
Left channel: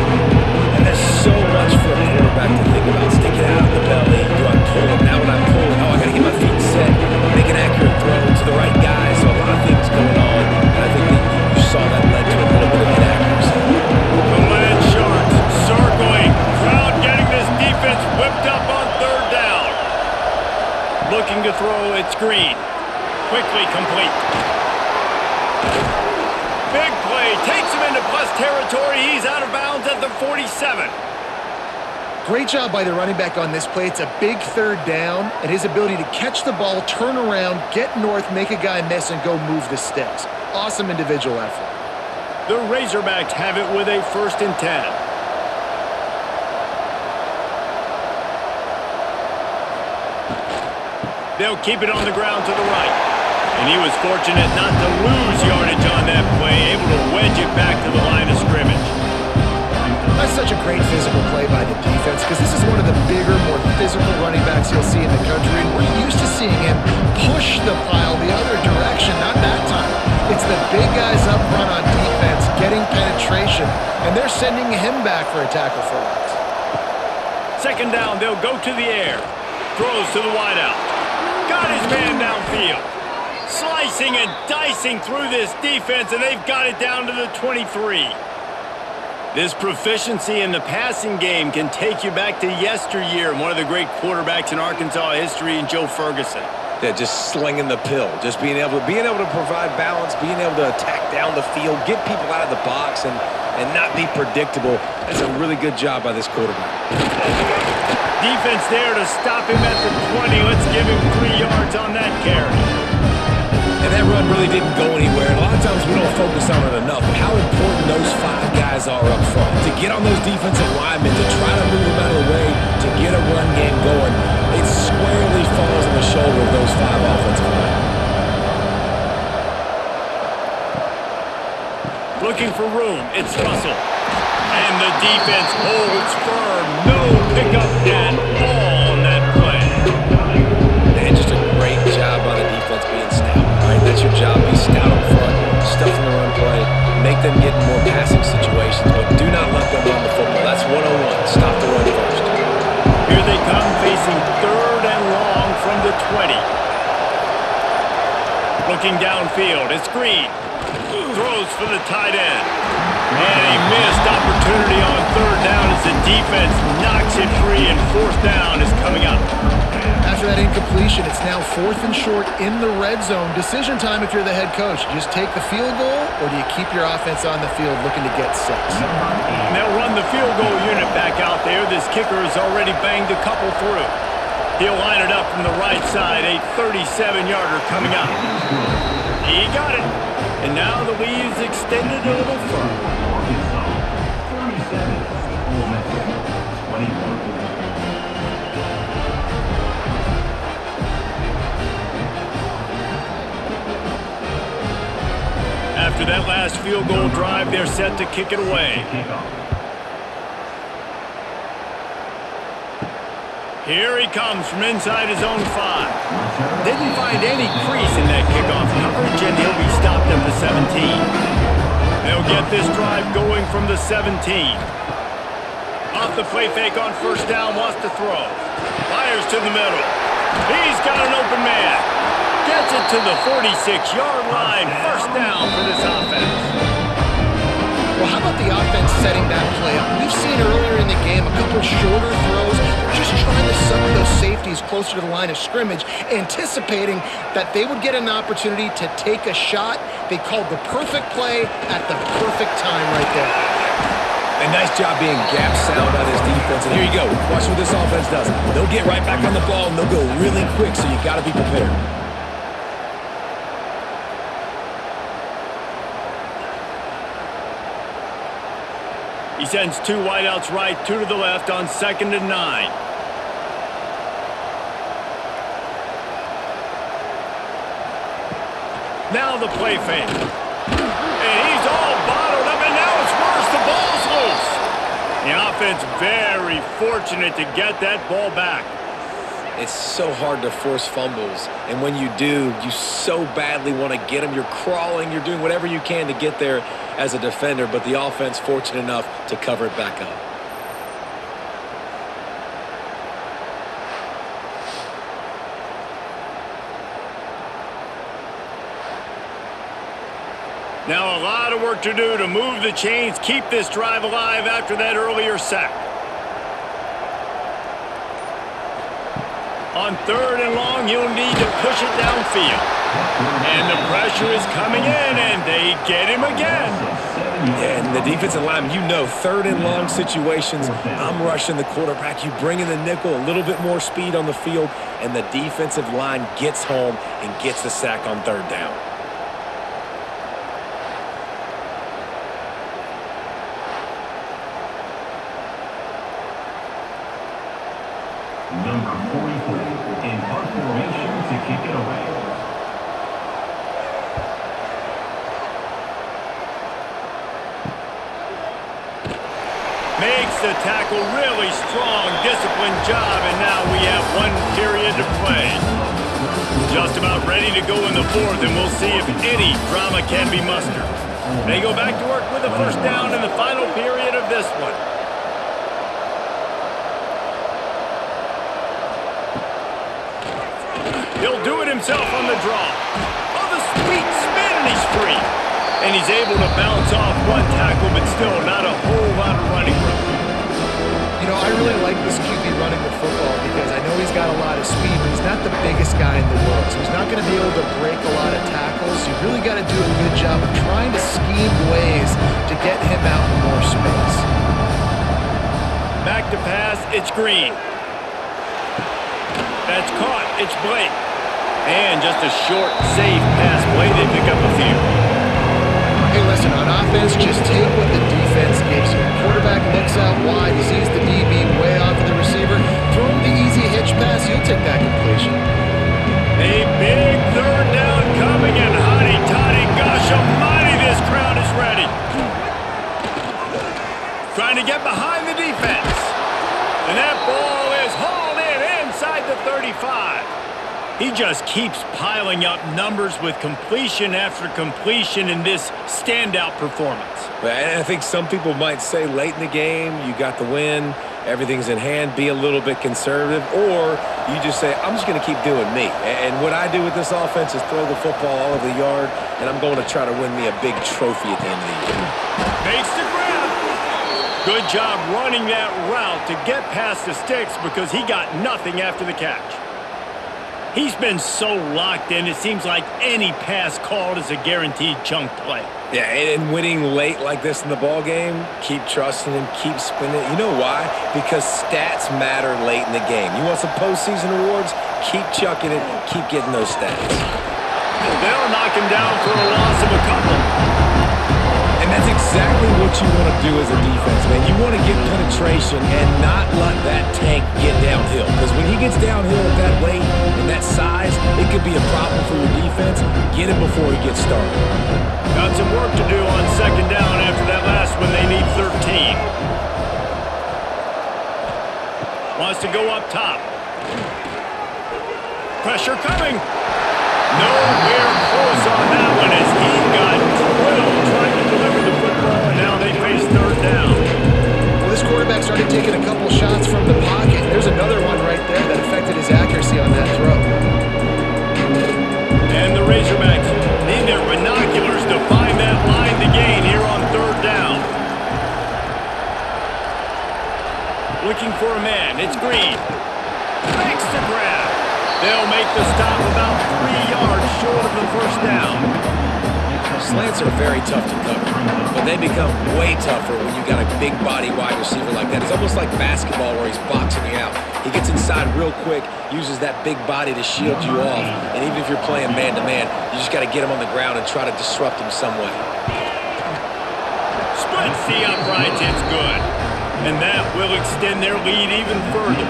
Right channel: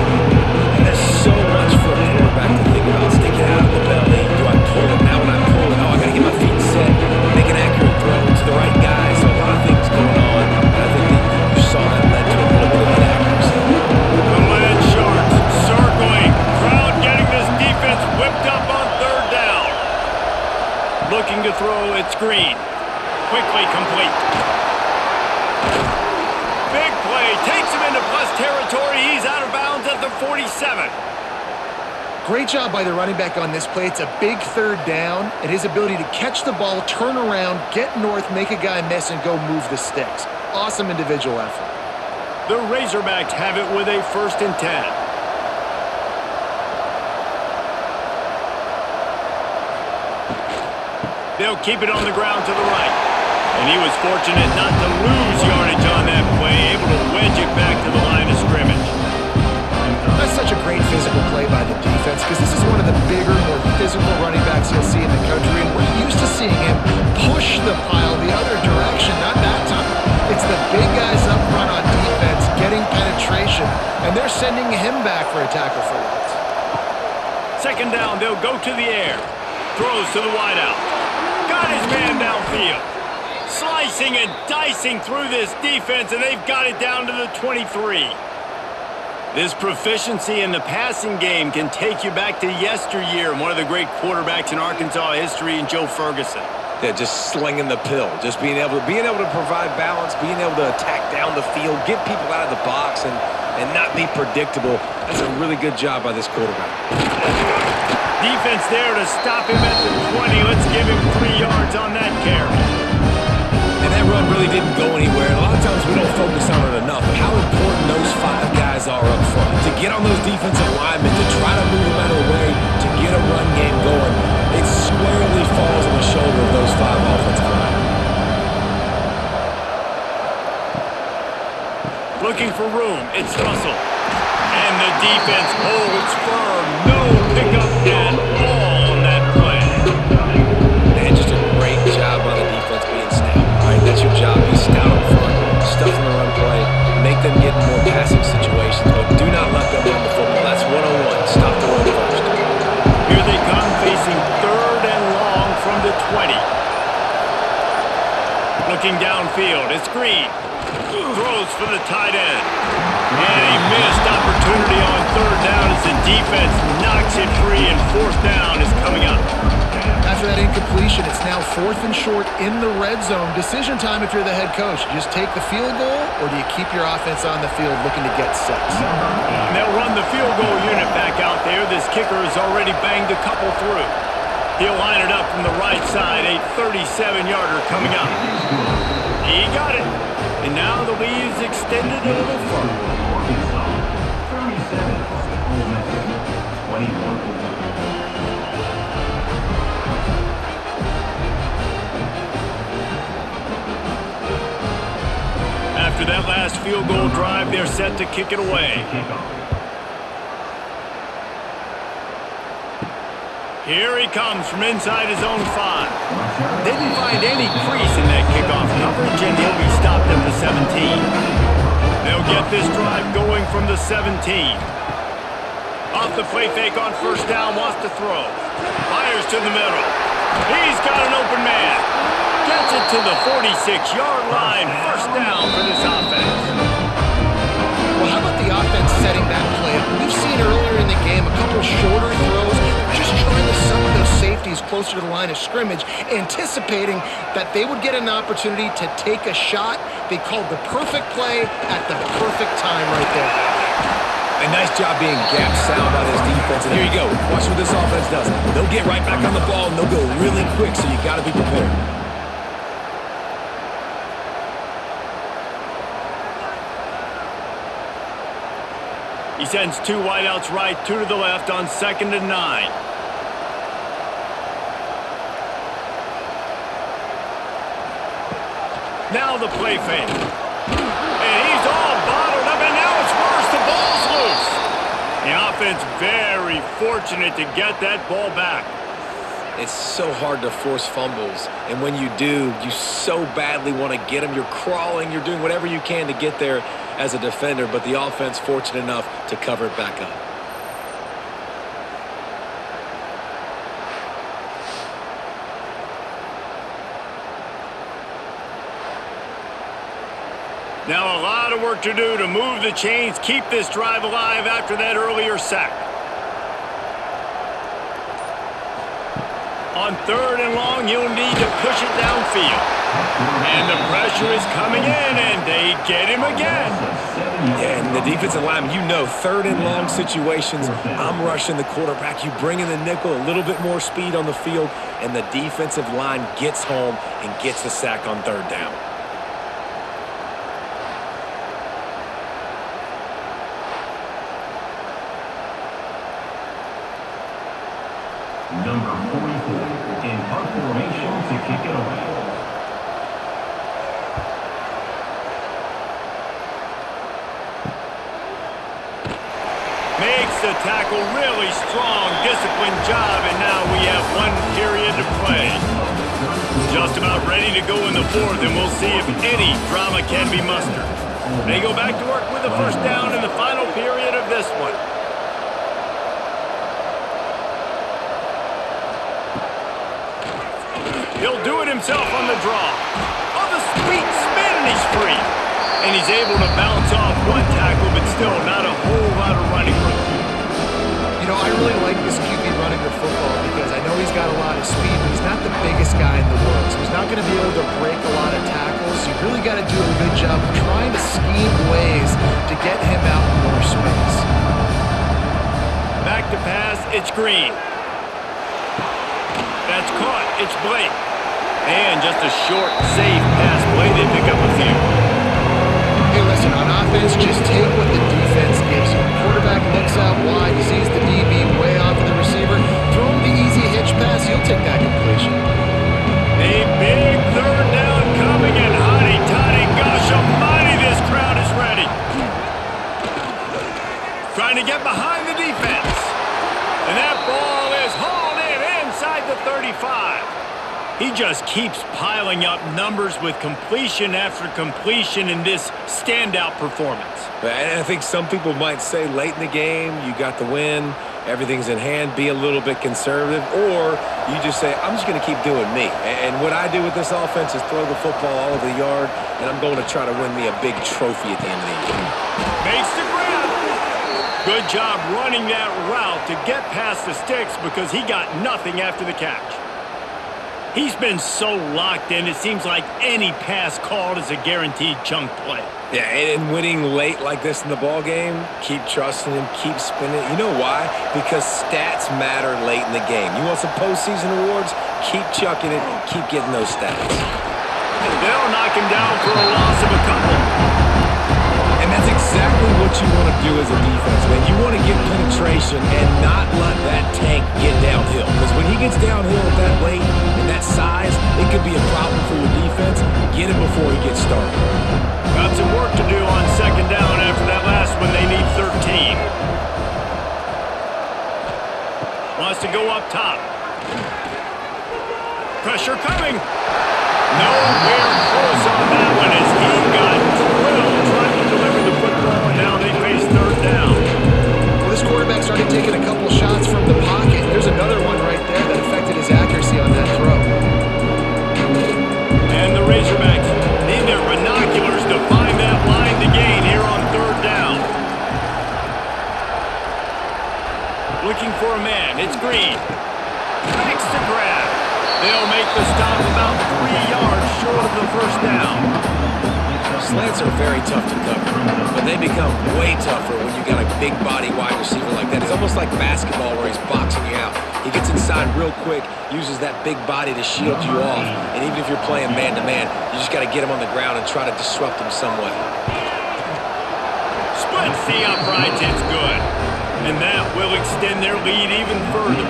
And there's so much for a quarterback to think about. Stick it out of the belly. Do I pull it? Now when I pull it, oh, I Looking to throw, it's Green. Quickly complete. Big play, takes him into plus territory. He's out of bounds at the 47. Great job by the running back on this play. It's a big third down, and his ability to catch the ball, turn around, get north, make a guy miss, and go move the sticks. Awesome individual effort. The Razorbacks have it with a 1st and 10. They'll keep it on the ground to the right. And he was fortunate not to lose yardage on that play, able to wedge it back to the line of scrimmage. That's such a great physical play by the defense because this is one of the bigger, more physical running backs you'll see in the country, and we're used to seeing him push the pile the other direction, not that time. It's the big guys up front on defense getting penetration, and they're sending him back for a tackle for loss. 2nd down, they'll go to the air. Throws to the wideout. Got his man downfield. Slicing and dicing through this defense, and they've got it down to the 23. This proficiency in the passing game can take you back to yesteryear, one of the great quarterbacks in Arkansas history, Joe Ferguson. Yeah, just slinging the pill, just being able to provide balance, being able to attack down the field, get people out of the box, and not be predictable. That's a really good job by this quarterback. Defense there to stop him at the 20. Let's give him 3 yards on that carry. And that run really didn't go anywhere. And a lot of times we don't focus on it enough, but how important those 5 guys are up front. To get on those defensive linemen, to try to move them out of the way, to get a run game going, it squarely falls on the shoulder of those 5 offensive linemen. Looking for room, it's Russell. And the defense holds firm. No pickup at all on that play. And just a great job by the defense being stout. All right, that's your job. Be stout up front, stuff in the run play, make them get in more passing situations, but do not let them run the football. That's 101. Stop the run first. Here they come facing 3rd and long from the 20. Looking downfield, it's Green. Throws for the tight end. And a missed opportunity on 3rd down as the defense knocks it free, and 4th down is coming up. After that incompletion, it's now 4th and short in the red zone. Decision time if you're the head coach. You just take the field goal, or do you keep your offense on the field looking to get 6? And they'll run the field goal unit back out there. This kicker has already banged a couple through. He'll line it up from the right side. A 37-yarder coming up. He got it. And now the lead is extended a little further. Arkansas, 37. Ole Miss, 21. After that last field goal drive, they're set to kick it away. Here he comes from inside his own 5. Didn't find any crease in that kickoff coverage, and he'll be stopped at the 17. They'll get this drive going from the 17. Off the play fake on 1st down, wants to throw. Fires to the middle. He's got an open man. Gets it to the 46-yard line. 1st down for this offense. Well, how about the offense setting that play up? We've seen earlier in the game a couple shorter throws. They're just trying to suck those safeties closer to the line of scrimmage, anticipating that they would get an opportunity to take a shot. They called the perfect play at the perfect time right there. A nice job being gap sound by this defense. And here you go. Watch what this offense does. They'll get right back on the ball, and they'll go really quick, so you got to be prepared. He sends 2 wideouts right, 2 to the left on 2nd and 9. Now the play fake. And he's all bottled up, and now it's worse. The ball's loose. The offense very fortunate to get that ball back. It's so hard to force fumbles, and when you do, you so badly want to get them. You're crawling, you're doing whatever you can to get there as a defender, but the offense fortunate enough to cover it back up. Now a lot of work to do to move the chains, keep this drive alive after that earlier sack. On 3rd and long, you'll need to push it downfield. And the pressure is coming in, and they get him again. Yeah, and the defensive lineman, you know, 3rd and long situations, I'm rushing the quarterback. You bring in the nickel, a little bit more speed on the field, and the defensive line gets home and gets the sack on 3rd down. Number 44 in punt formation to kick it away. Makes the tackle really strong, disciplined job, and now we have 1 period to play. Just about ready to go in the 4th, and we'll see if any drama can be mustered. They go back to work with a 1st down in the final period of this one. He'll do it himself on the draw. Oh, the sweet spin, and he's free. And he's able to bounce off 1 tackle, but still not a whole lot of running room. You know, I really like this QB running the football because I know he's got a lot of speed, but he's not the biggest guy in the world. So he's not going to be able to break a lot of tackles. You really got to do a good job of trying to scheme ways to get him out in more space. Back to pass, it's Green. That's caught, it's Blake. And just a short, safe pass play. They pick up a few. Hey, listen, on offense, just take what the defense gives you. Quarterback looks out wide, he sees the DB way off of the receiver. Throw him the easy hitch pass, he'll take that completion. A big 3rd down coming, and hotty-toddy, gosh almighty, this crowd is ready. Trying to get behind the defense. And that ball is hauled in inside the 35. He just keeps piling up numbers with completion after completion in this standout performance. And I think some people might say late in the game, you got the win, everything's in hand, be a little bit conservative, or you just say, I'm just going to keep doing me. And what I do with this offense is throw the football all over the yard, and I'm going to try to win me a big trophy at the end of the year. Makes the grab. Good job running that route to get past the sticks because he got nothing after the catch. He's been so locked in, it seems like any pass called is a guaranteed chunk play. Yeah, and winning late like this in the ball game, keep trusting him, keep spinning. You know why? Because stats matter late in the game. You want some postseason awards? Keep chucking it, keep getting those stats. They'll knock him down for a loss of a couple. And that's exactly what you want to do as a defense, man. You want to get penetration and not let that tank get downhill. Because when he gets downhill at that weight and that size, it could be a problem for your defense. Get him before he gets started. Got some work to do on 2nd down after that last one. They need 13. Wants to go up top. Pressure coming. Nowhere close on that one as he got drilled trying to deliver the football, and now they face 3rd down. Well, this quarterback started taking a couple shots from the pocket. There's another one right there that affected his accuracy on that throw. And the Razorbacks need their binoculars to find that line to gain here on 3rd down. Looking for a man, it's Green. Makes the grab. They'll make the stop about 3 yards short of the 1st down. Slants are very tough to cover, but they become way tougher when you got a big body wide receiver like that. It's almost like basketball where he's boxing you out. He gets inside real quick, uses that big body to shield you off, and even if you're playing man-to-man, you just got to get him on the ground and try to disrupt him some way. Splits the uprights, it's good. And that will extend their lead even further.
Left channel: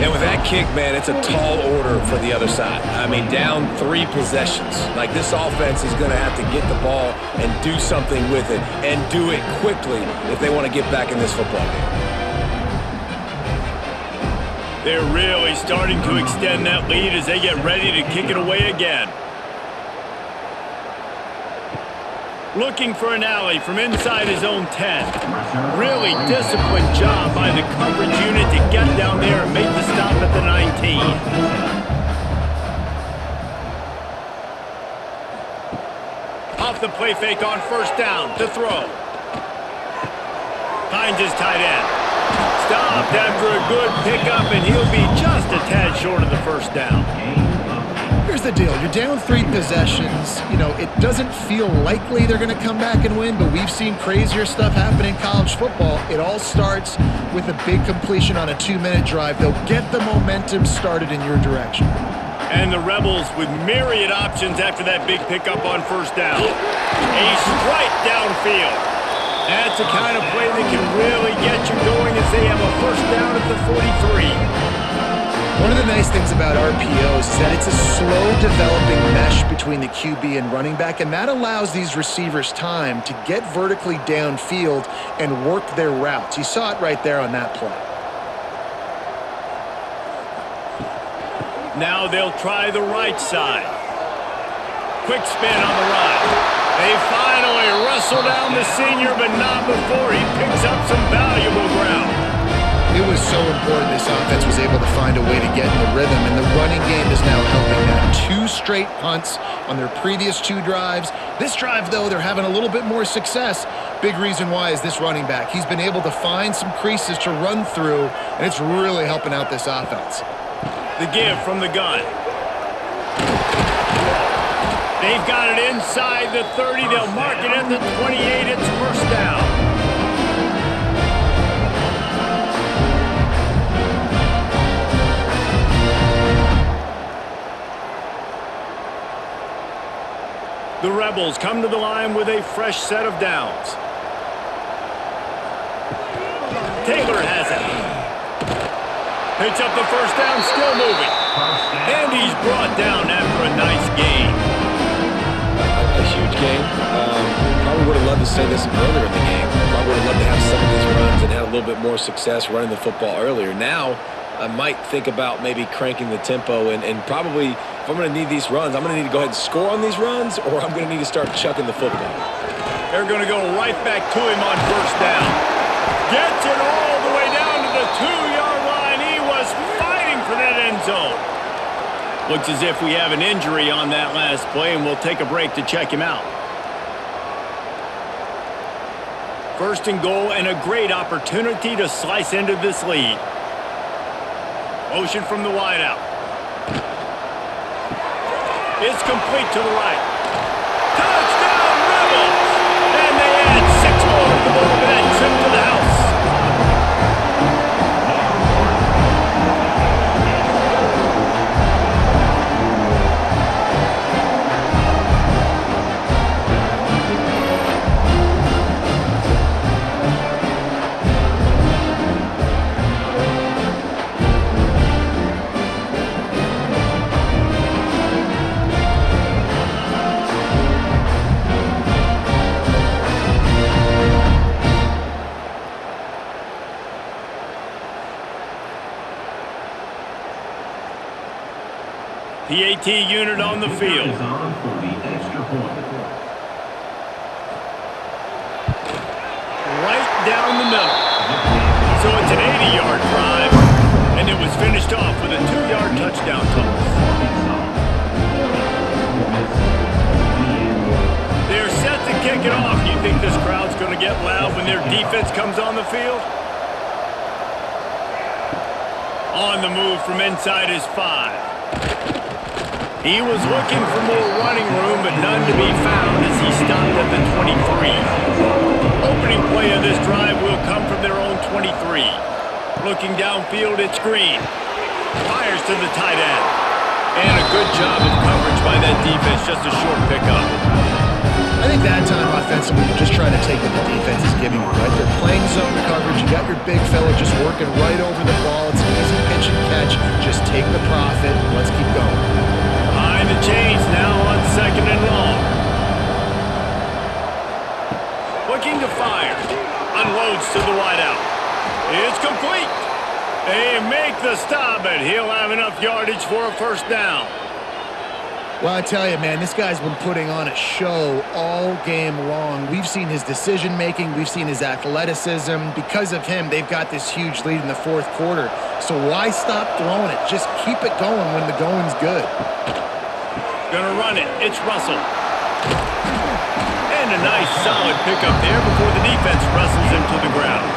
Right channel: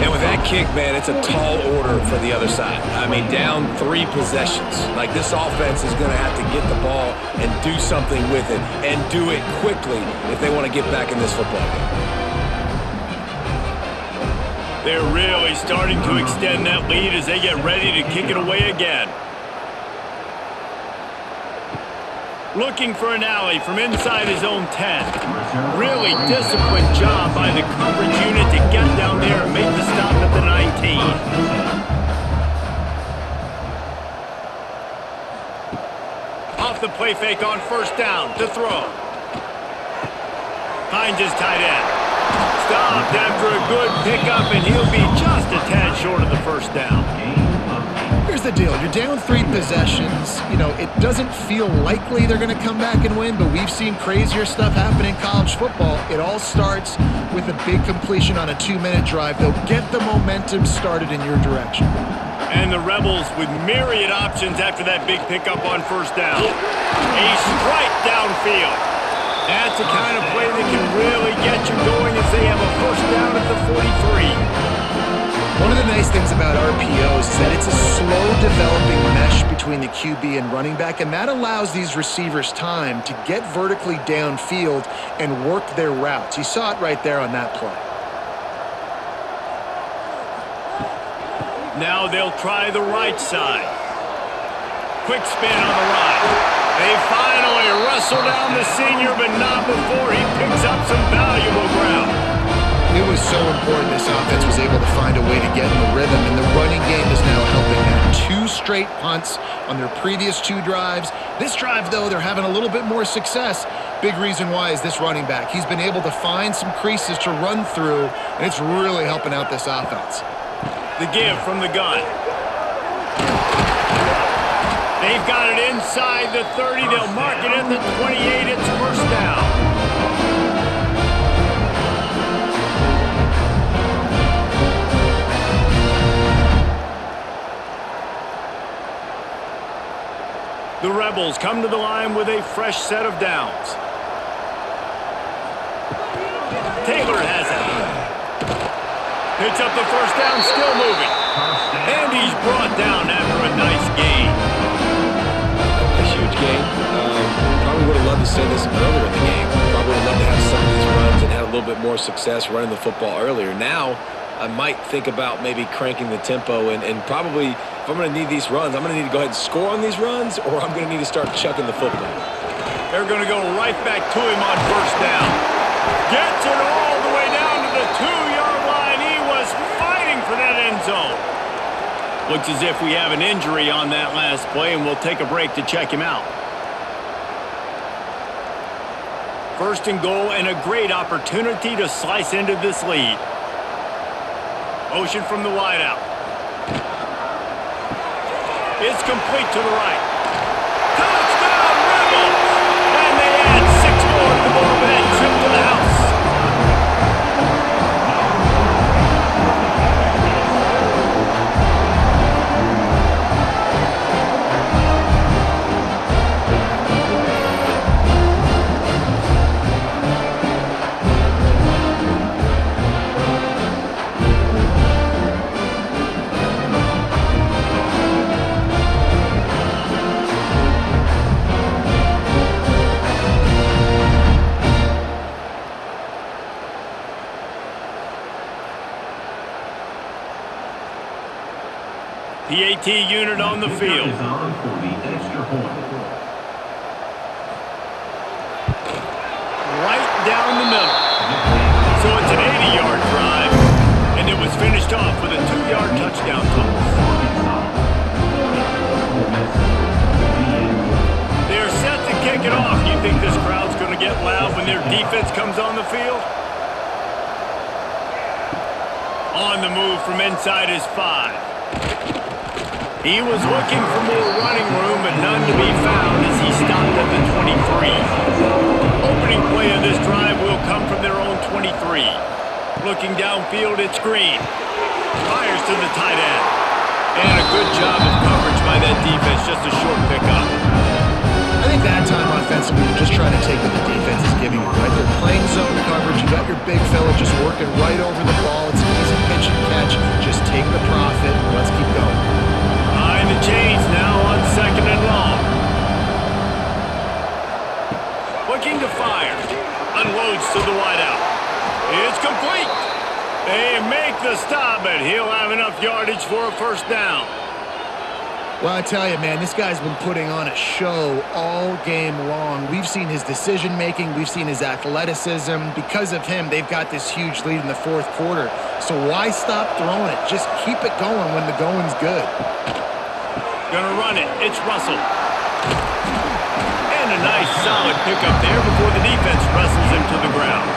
And with that kick, man, it's a tall order for the other side. I mean, down 3 possessions. Like, this offense is going to have to get the ball and do something with it, and do it quickly if they want to get back in this football game. They're really starting to extend that lead as they get ready to kick it away again. Looking for an alley from inside his own 10. Really disciplined job by the coverage unit to get down there and make the stop at the 19. Off the play fake on 1st down to throw. Finds his tight end. stopped after a good pickup, and he'll be just a tad short of the first down. Here's the deal. You're down 3 possessions. You know, it doesn't feel likely they're going to come back and win, but we've seen crazier stuff happen in college football. It all starts with a big completion on a 2-minute drive. They'll get the momentum started in your direction. And the Rebels with myriad options after that big pickup on first down. A strike downfield. That's the kind of play that can really get you going as they have a first down at the 43. One of the nice things about RPOs is that it's a slow developing mesh between the QB and running back, and that allows these receivers time to get vertically downfield and work their routes. You saw it right there on that play. Now they'll try the right side. Quick spin on the right. They finally wrestle down the senior, but not before he picks up some valuable ground. It was so important this offense was able to find a way to get in the rhythm, and the running game is now helping that. 2 straight punts on their previous 2 drives. This drive, though, they're having a little bit more success. Big reason why is this running back. He's been able to find some creases to run through, and it's really helping out this offense. The give from the gun. They've got it inside the 30. They'll mark it at the 28. It's first down. The Rebels come to the line with a fresh set of downs. Taylor has it. Picks up the first down, still moving. And he's brought down after a nice gain. A huge game. Probably would have loved to say this earlier in the game. Probably would have loved to have some of these runs and had a little bit more success running the football earlier. Now, I might think about maybe cranking the tempo and probably, if I'm going to need these runs, I'm going to need to go ahead and score on these runs, or I'm going to need to start chucking the football. They're going to go right back to him on first down. Gets it all the way down to the 2-yard line. He was fighting for that end zone. Looks as if we have an injury on that last play, and we'll take a break to check him out. First and goal, and a great opportunity to slice into this lead. Motion from the wideout. It's complete to the right. Touchdown, Rebels! And they add 6 more to the board with that trip to the house. PAT unit on the field. Is on for the extra point. Right down the middle. So it's an 80-yard drive, and it was finished off with a 2-yard touchdown toss. They're set to kick it off. You think this crowd's going to get loud when their defense comes on the field? On the move from inside his 5. He was looking for more running room, but none to be found as he stopped at the 23. Opening play of this drive will come from their own 23. Looking downfield, it's Green. Fires to the tight end. And a good job of coverage by that defense, just a short pickup. I think that time offensively, you're just trying to take what the defense is giving you, right? They're playing zone coverage. You got your big fella just working right over the ball. It's an easy pitch and catch. Just take the profit and let's keep going. Behind the chains now on 2nd and long. Looking to fire. Unloads to the wideout. It's complete. They make the stop, but he'll have enough yardage for a first down. Well, I tell you, man, this guy's been putting on a show all game long. We've seen his decision-making. We've seen his athleticism. Because of him, they've got this huge lead in the 4th quarter. So why stop throwing it? Just keep it going when the going's good. Gonna run it. It's Russell. And a nice solid pickup there before the defense wrestles him to the ground.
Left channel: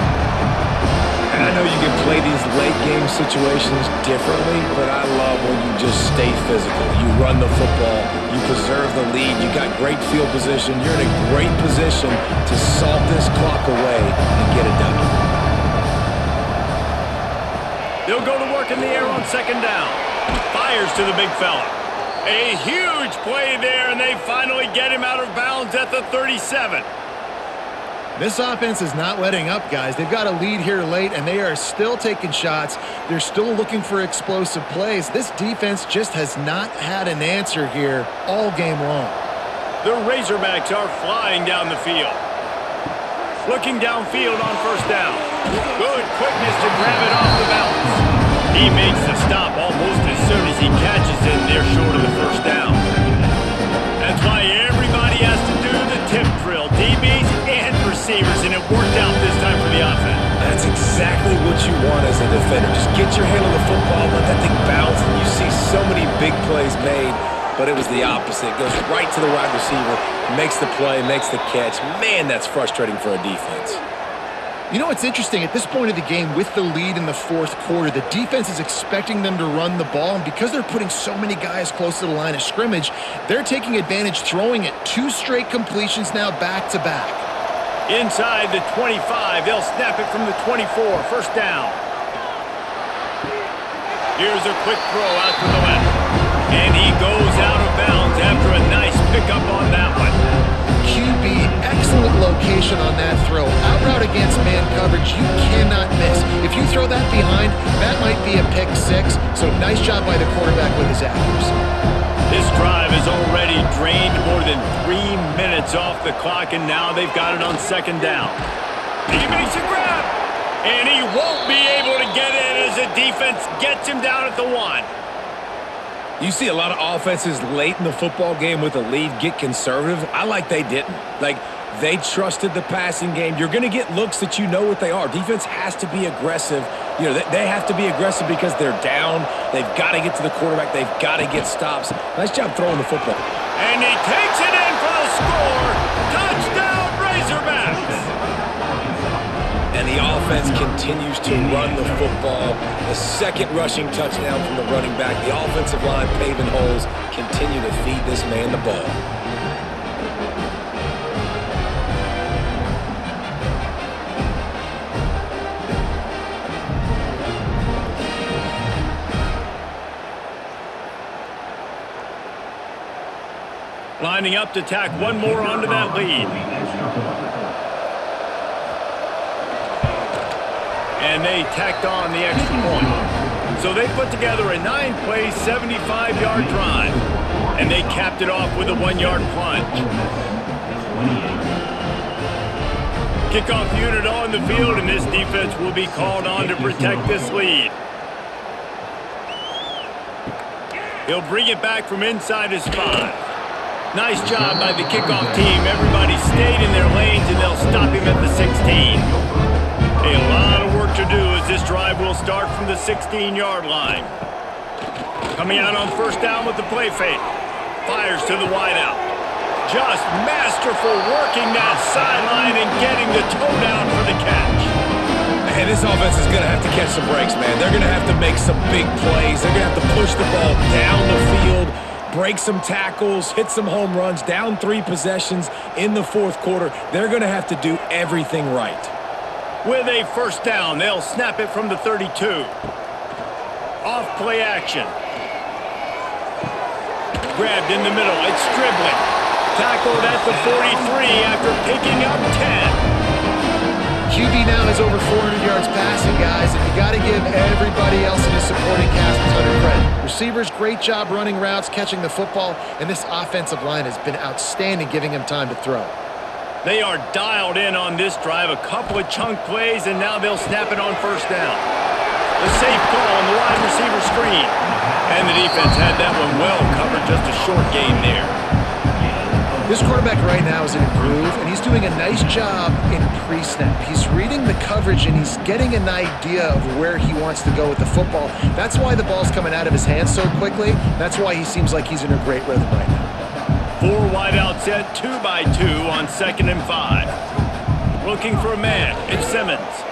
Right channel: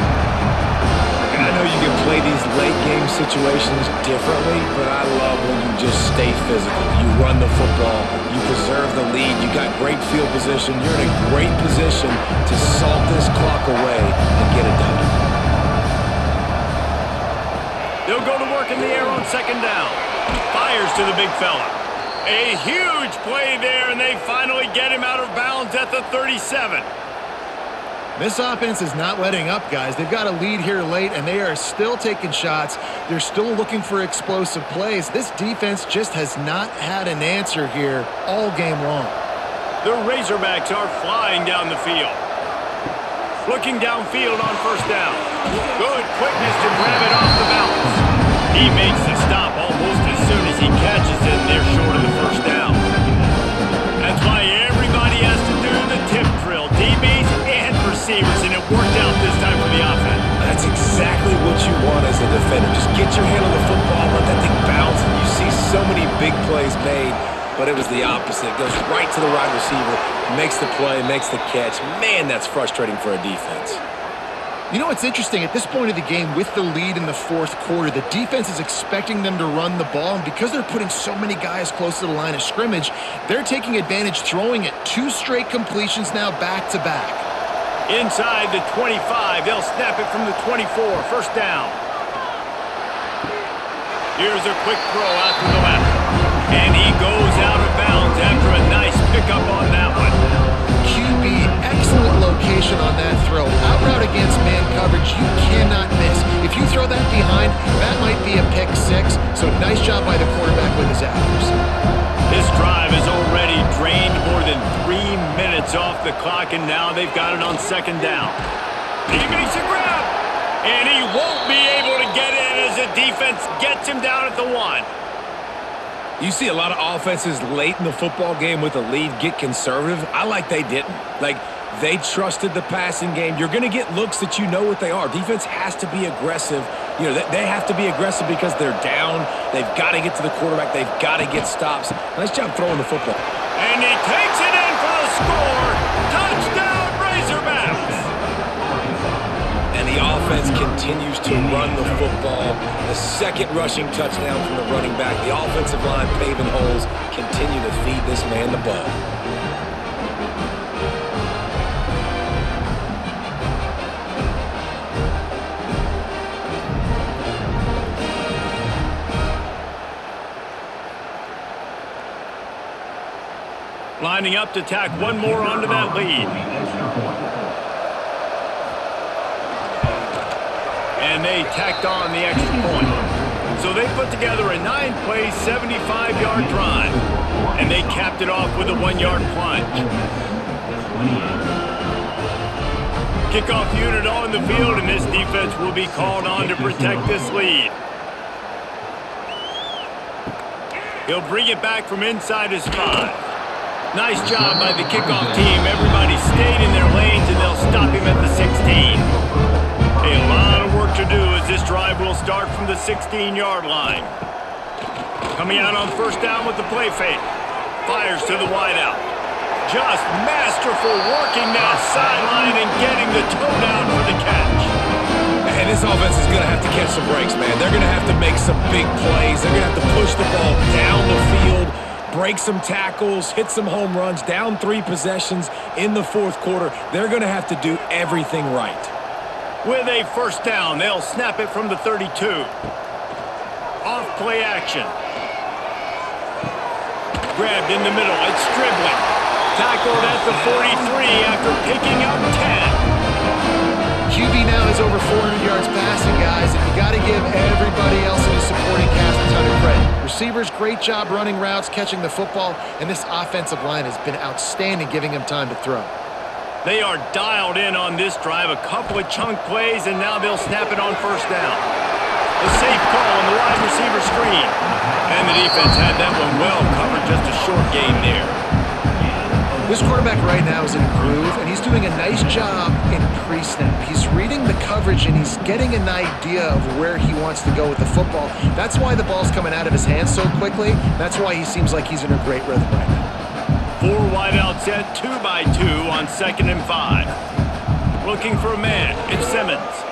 And I know you can play these late game situations differently, but I love when you just stay physical. You run the football, you preserve the lead, you got great field position, you're in a great position to salt this clock away and get a W. They'll go to work in the air on second down. Fires to the big fella. A huge play there, and they finally get him out of bounds at the 37. This offense is not letting up, guys. They've got a lead here late, and they are still taking shots. They're still looking for explosive plays. This defense just has not had an answer here all game long. The Razorbacks are flying down the field. Looking downfield on first down. Good quickness to grab it off the bounce. He makes the stop almost as soon as he catches it, and they're short of the first down. That's why everybody has to do the tip drill, DBs and receivers, and it worked out this time for the offense. That's exactly what you want as a defender. Just get your hand on the football, let that thing bounce, and you see so many big plays made, but it was the opposite. It goes right to the wide receiver, makes the play, makes the catch. Man, that's frustrating for a defense. You know what's interesting? At this point of the game, with the lead in the fourth quarter, the defense is expecting them to run the ball, and because they're putting so many guys close to the line of scrimmage, they're taking advantage, throwing it 2 straight completions now back-to-back. Inside the 25, they'll snap it from the 24, first down. Here's a quick throw out to the left, and he goes out of bounds after a nice pickup on that one. QB, excellent location on that throw. Out route against man coverage, you cannot miss. If you throw that behind, that might be a pick 6. So nice job by the quarterback with his accuracy. This drive has already drained more than 3 minutes off the clock, and now they've got it on second down. He makes a grab, and he won't be able to get in as the defense gets him down at the 1. You see a lot of offenses late in the football game with a lead get conservative. I like they didn't. Like, they trusted the passing game. You're going to get looks that you know what they are. Defense has to be aggressive. You know, they have to be aggressive because they're down. They've got to get to the quarterback. They've got to get stops. Nice job throwing the football. And he takes it in for the score. Touchdown, Razorbacks! And the offense continues to run the football. The second rushing touchdown from the running back. The offensive line paving holes. Continue to feed this man the ball. Lining up to tack one more onto that lead. And they tacked on the extra point. So they put together a 9-play, 75-yard drive. And they capped it off with a 1-yard plunge. Kickoff unit on the field, and this defense will be called on to protect this lead. He'll bring it back from inside his 5. Nice job by the kickoff team. Everybody stayed in their lanes, and they'll stop him at the 16. A lot of work to do as this drive will start from the 16-yard line. Coming out on first down with the play fake. Fires to the wideout. Just masterful working that sideline and getting the toe down for the catch. And this offense is going to have to catch some breaks, man. They're going to have to make some big plays. They're going to have to push the ball down the field, break some tackles, hit some home runs, down 3 possessions in the fourth quarter. They're going to have to do everything right. With a first down, they'll snap it from the 32. Off play action. Grabbed in the middle. It's Stribling. Tackled at the 43 after picking up 10. QB now has over 400 yards passing, guys, and you got to give everybody else in his supporting cast a ton of credit. Receivers, great job running routes, catching the football, and this offensive line has been outstanding, giving him time to throw. They are dialed in on this drive, a couple of chunk plays, and now they'll snap it on first down. The safe call on the wide receiver screen. And the defense had that one well covered, just a short gain there. This quarterback right now is in a groove, and he's doing a nice job in pre-snap. He's reading the coverage, and he's getting an idea of where he wants to go with the football. That's why the ball's coming out of his hands so quickly. That's why he seems like he's in a great rhythm right now. 4 wide out set, 2 by 2 on 2nd and 5. Looking for a man. It's Simmons.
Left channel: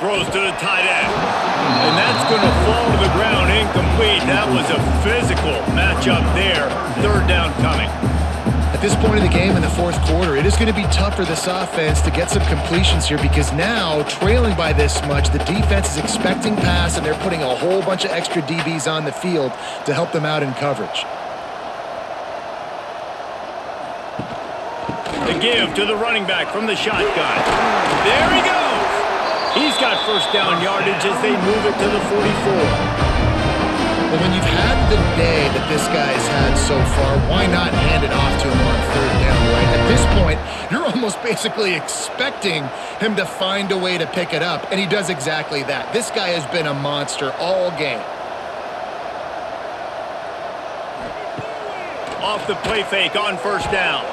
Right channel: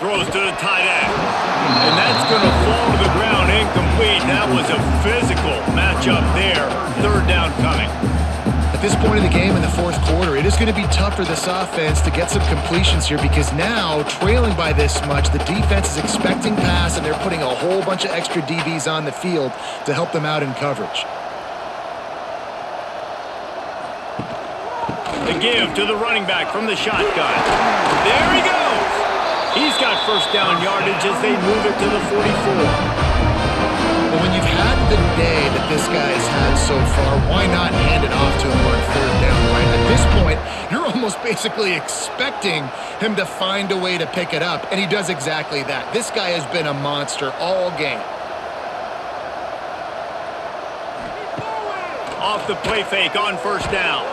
Throws to the tight end. And that's going to fall to the ground incomplete. That was a physical matchup there. Third down coming. At this point in the game in the fourth quarter, it is going to be tough for this offense to get some completions here because now, trailing by this much, the defense is expecting pass and they're putting a whole bunch of extra DBs on the field to help them out in coverage. The give to the running back from the shotgun. There he goes. He's got first down yardage as they move it to the 44. Well, when you've had the day that this guy's had so far, why not hand it off to him on third down, right? At this point, you're almost basically expecting him to find a way to pick it up, and he does exactly that. This guy has been a monster all game. Off the play fake on first down.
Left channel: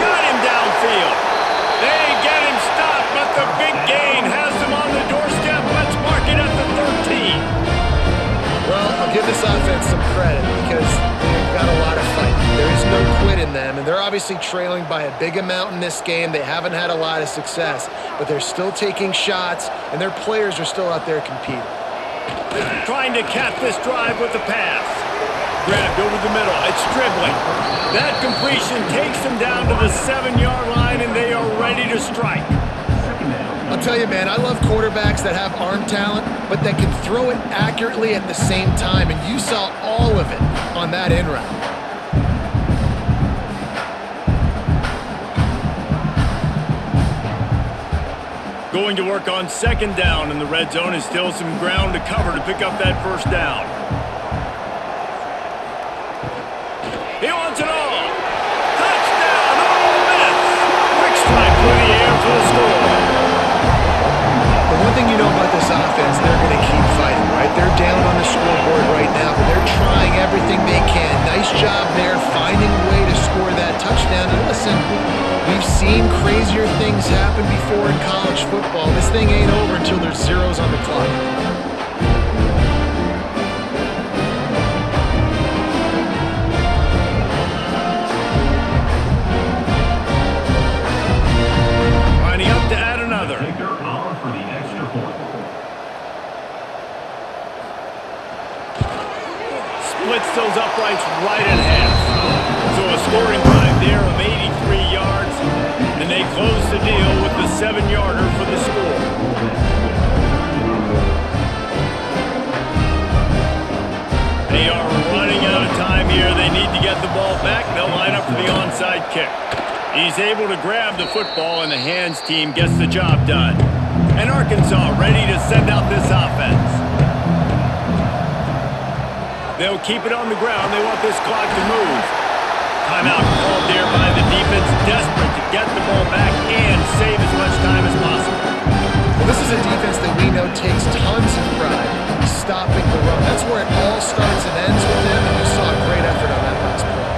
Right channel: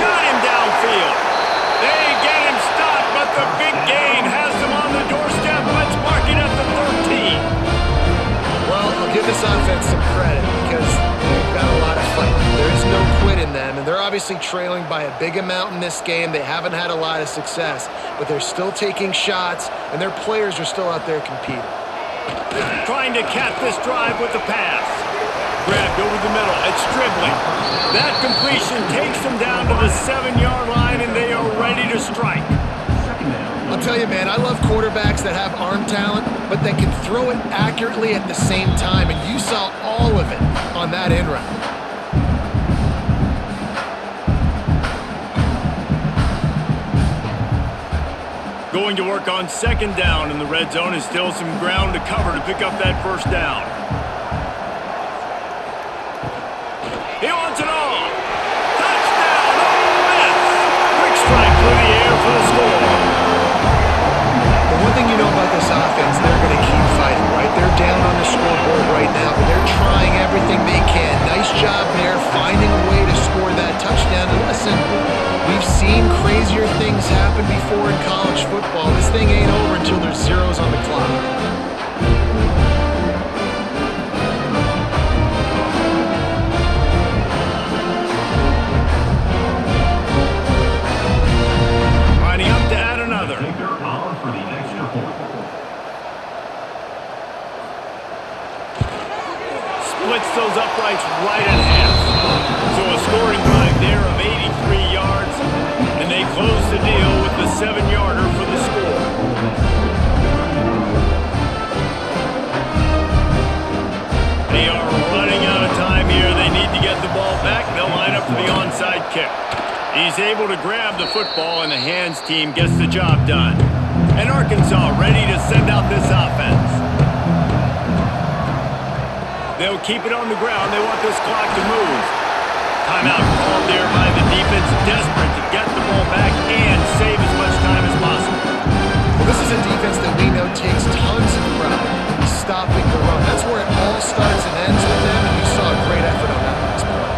Got him downfield. They get him stopped, but the big gain has them on the doorstep. Let's mark it at the 13. Well, I'll give this offense some credit because they've got a lot of fight. There is no quit in them, and they're obviously trailing by a big amount in this game. They haven't had a lot of success, but they're still taking shots, and their players are still out there competing. Trying to cap this drive with the pass. Grabbed over the middle. It's Dribbling. That completion takes them down to the 7-yard line, and they are ready to strike. I'll tell you, man, I love quarterbacks that have arm talent, but that can throw it accurately at the same time, and you saw all of it on that in route. Going to work on second down in the red zone is still some ground to cover to pick up that first down. He wants it all. Touchdown, Ole Miss. Quick strike through the air for the score. The one thing you know about this offense, they're going to keep fighting, right? They're down on the scoreboard right now, but they're trying everything they can. Nice job there, finding a way to score that touchdown. And listen, we've seen crazier things happen before in college football. This thing ain't over until there's zeros on the clock. Lining up to add another. Kicker on for the extra point. Splits those uprights right in half. So a scoring drive there of 83 yards, and they close the deal with the 7-yarder for the score. They are running out of time here. They need to get the ball back. They'll line up for the onside kick. He's able to grab the football, and the hands team gets the job done. And Arkansas ready to send out this offense. They'll keep it on the ground. They want this clock to move. Timeout called there by the defense, desperate to get the ball back and save as much time as possible. Well, this is a defense that we know takes tons of pride in stopping the run. That's where it all starts and ends with them, and you saw a great effort on that last play.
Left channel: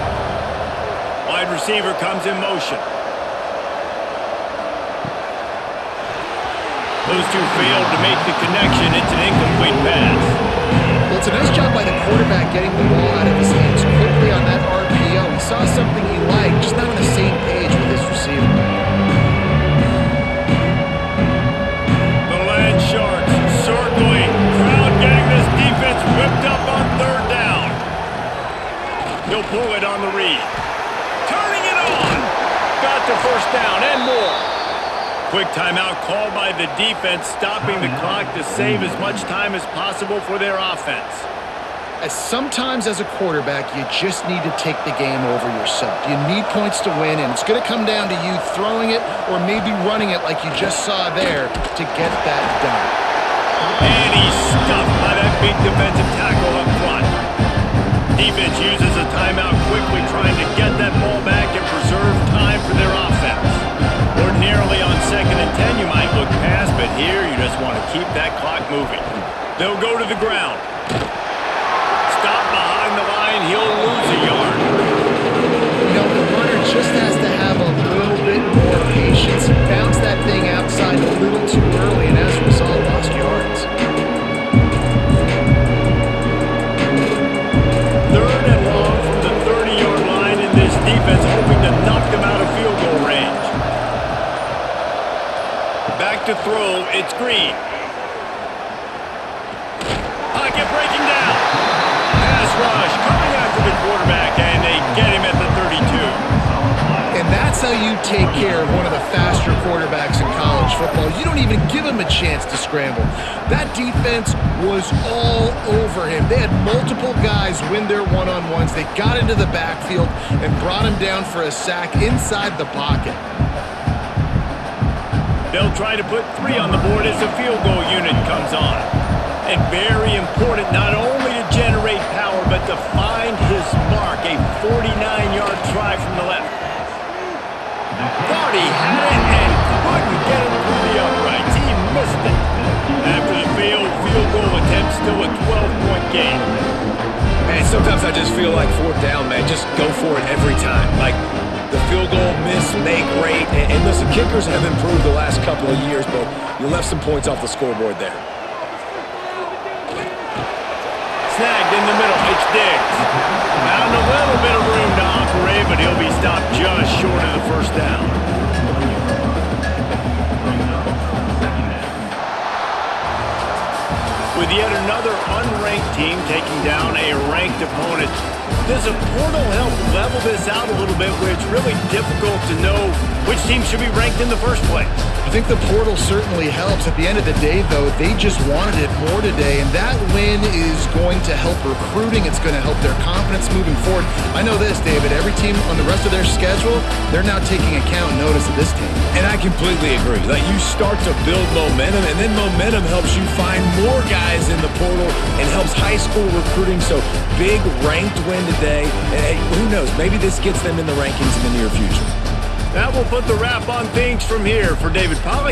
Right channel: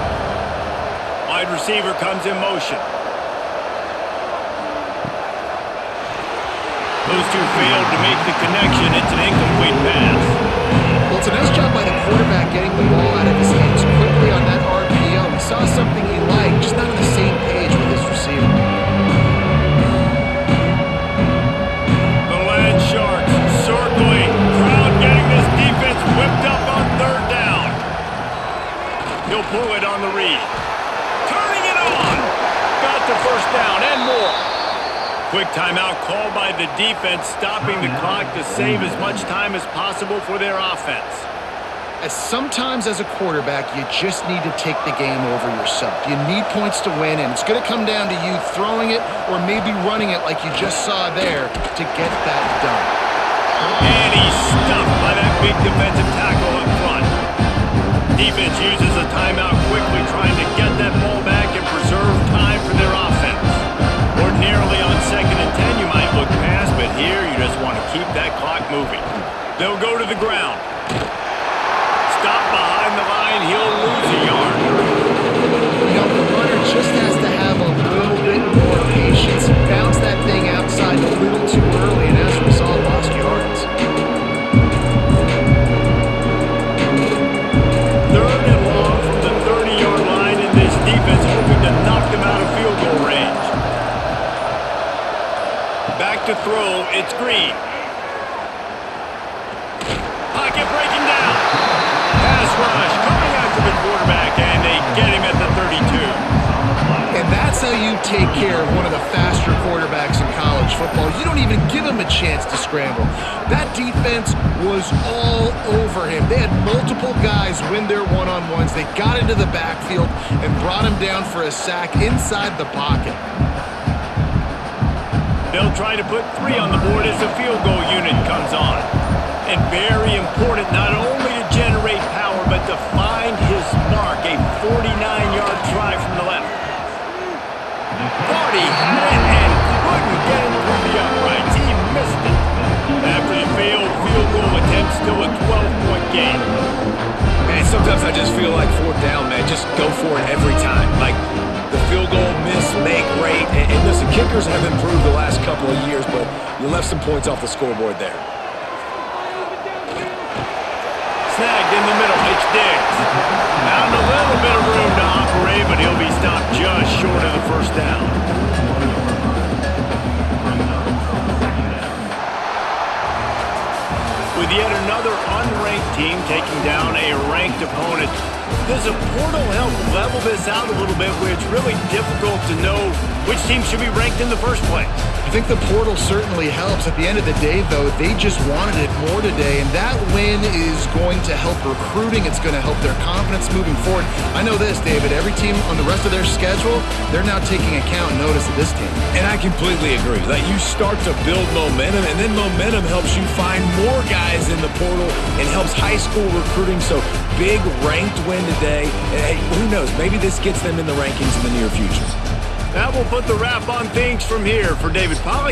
Wide receiver comes in motion. Those two failed to make the connection. It's an incomplete pass. Well, it's a nice job by the quarterback getting the ball out of his hands quickly on that RPO. He saw something he liked, just not on the same page with his receiver. The Land Sharks circling. Crowd getting this defense whipped up on third down. He'll pull it on the read. Turning it on. Got the first down and more. Quick timeout called by the defense, stopping the clock to save as much time as possible for their offense. Sometimes as a quarterback, you just need to take the game over yourself. You need points to win, and it's going to come down to you throwing it or maybe running it like you just saw there to get that done. And he's stuffed by that big defensive tackle up front. Defense uses a timeout quickly, trying to get that ball back and preserve time for their offense. Ordinarily on 2nd and 10, you might look past, but here you just want to keep that clock moving. They'll go to the ground. Stop behind the line, he'll lose a yard. You know, the runner just has to have a little bit more patience. Bounce that thing outside a little too early, and as a result, lost yards. Third and long from the 30-yard line, and this defense hoping to knock them out of field goal range. Back Back to throw, it's Green. Pocket breaking down. Pass rush coming after the quarterback, and they get him at the 32. And that's how you take care of one of the faster quarterbacks in college football. You don't even give him a chance to scramble. That defense was all over him. They had multiple guys win their one-on-ones. They got into the backfield and brought him down for a sack inside the pocket. They'll try to put 3 on the board as the field goal unit comes on. And very important not only to generate power, but to find his mark, a 49-yard try from the left. Thought he had it and couldn't get it through the uprights. He missed it. After the failed field goal attempt, still a 12-point game. Man, sometimes I just feel like 4th down, man. Just go for it every time. Like the field goal miss, make great. And listen, kickers have improved the last couple of years, but you left some points off the scoreboard there. Snagged in the middle, it's Diggs. Found a little bit of room to operate, but he'll be stopped just short of the first down. With yet another unranked team taking down a ranked opponent, does a portal help level this out a little bit where it's really difficult to know which team should be ranked in the first place? I think the portal certainly helps. At the end of the day, though, they just wanted it more today, and that win is going to help recruiting. It's going to help their confidence moving forward. I know this, David. Every team on the rest of their schedule, they're now taking account and notice of this team. And I completely agree. Like, you start to build momentum, and then momentum helps you find more guys in the portal and helps high school recruiting. So, big ranked win today. And hey, who knows? Maybe this gets them in the rankings in the near future. That will put the wrap on things from here. For David Pollack,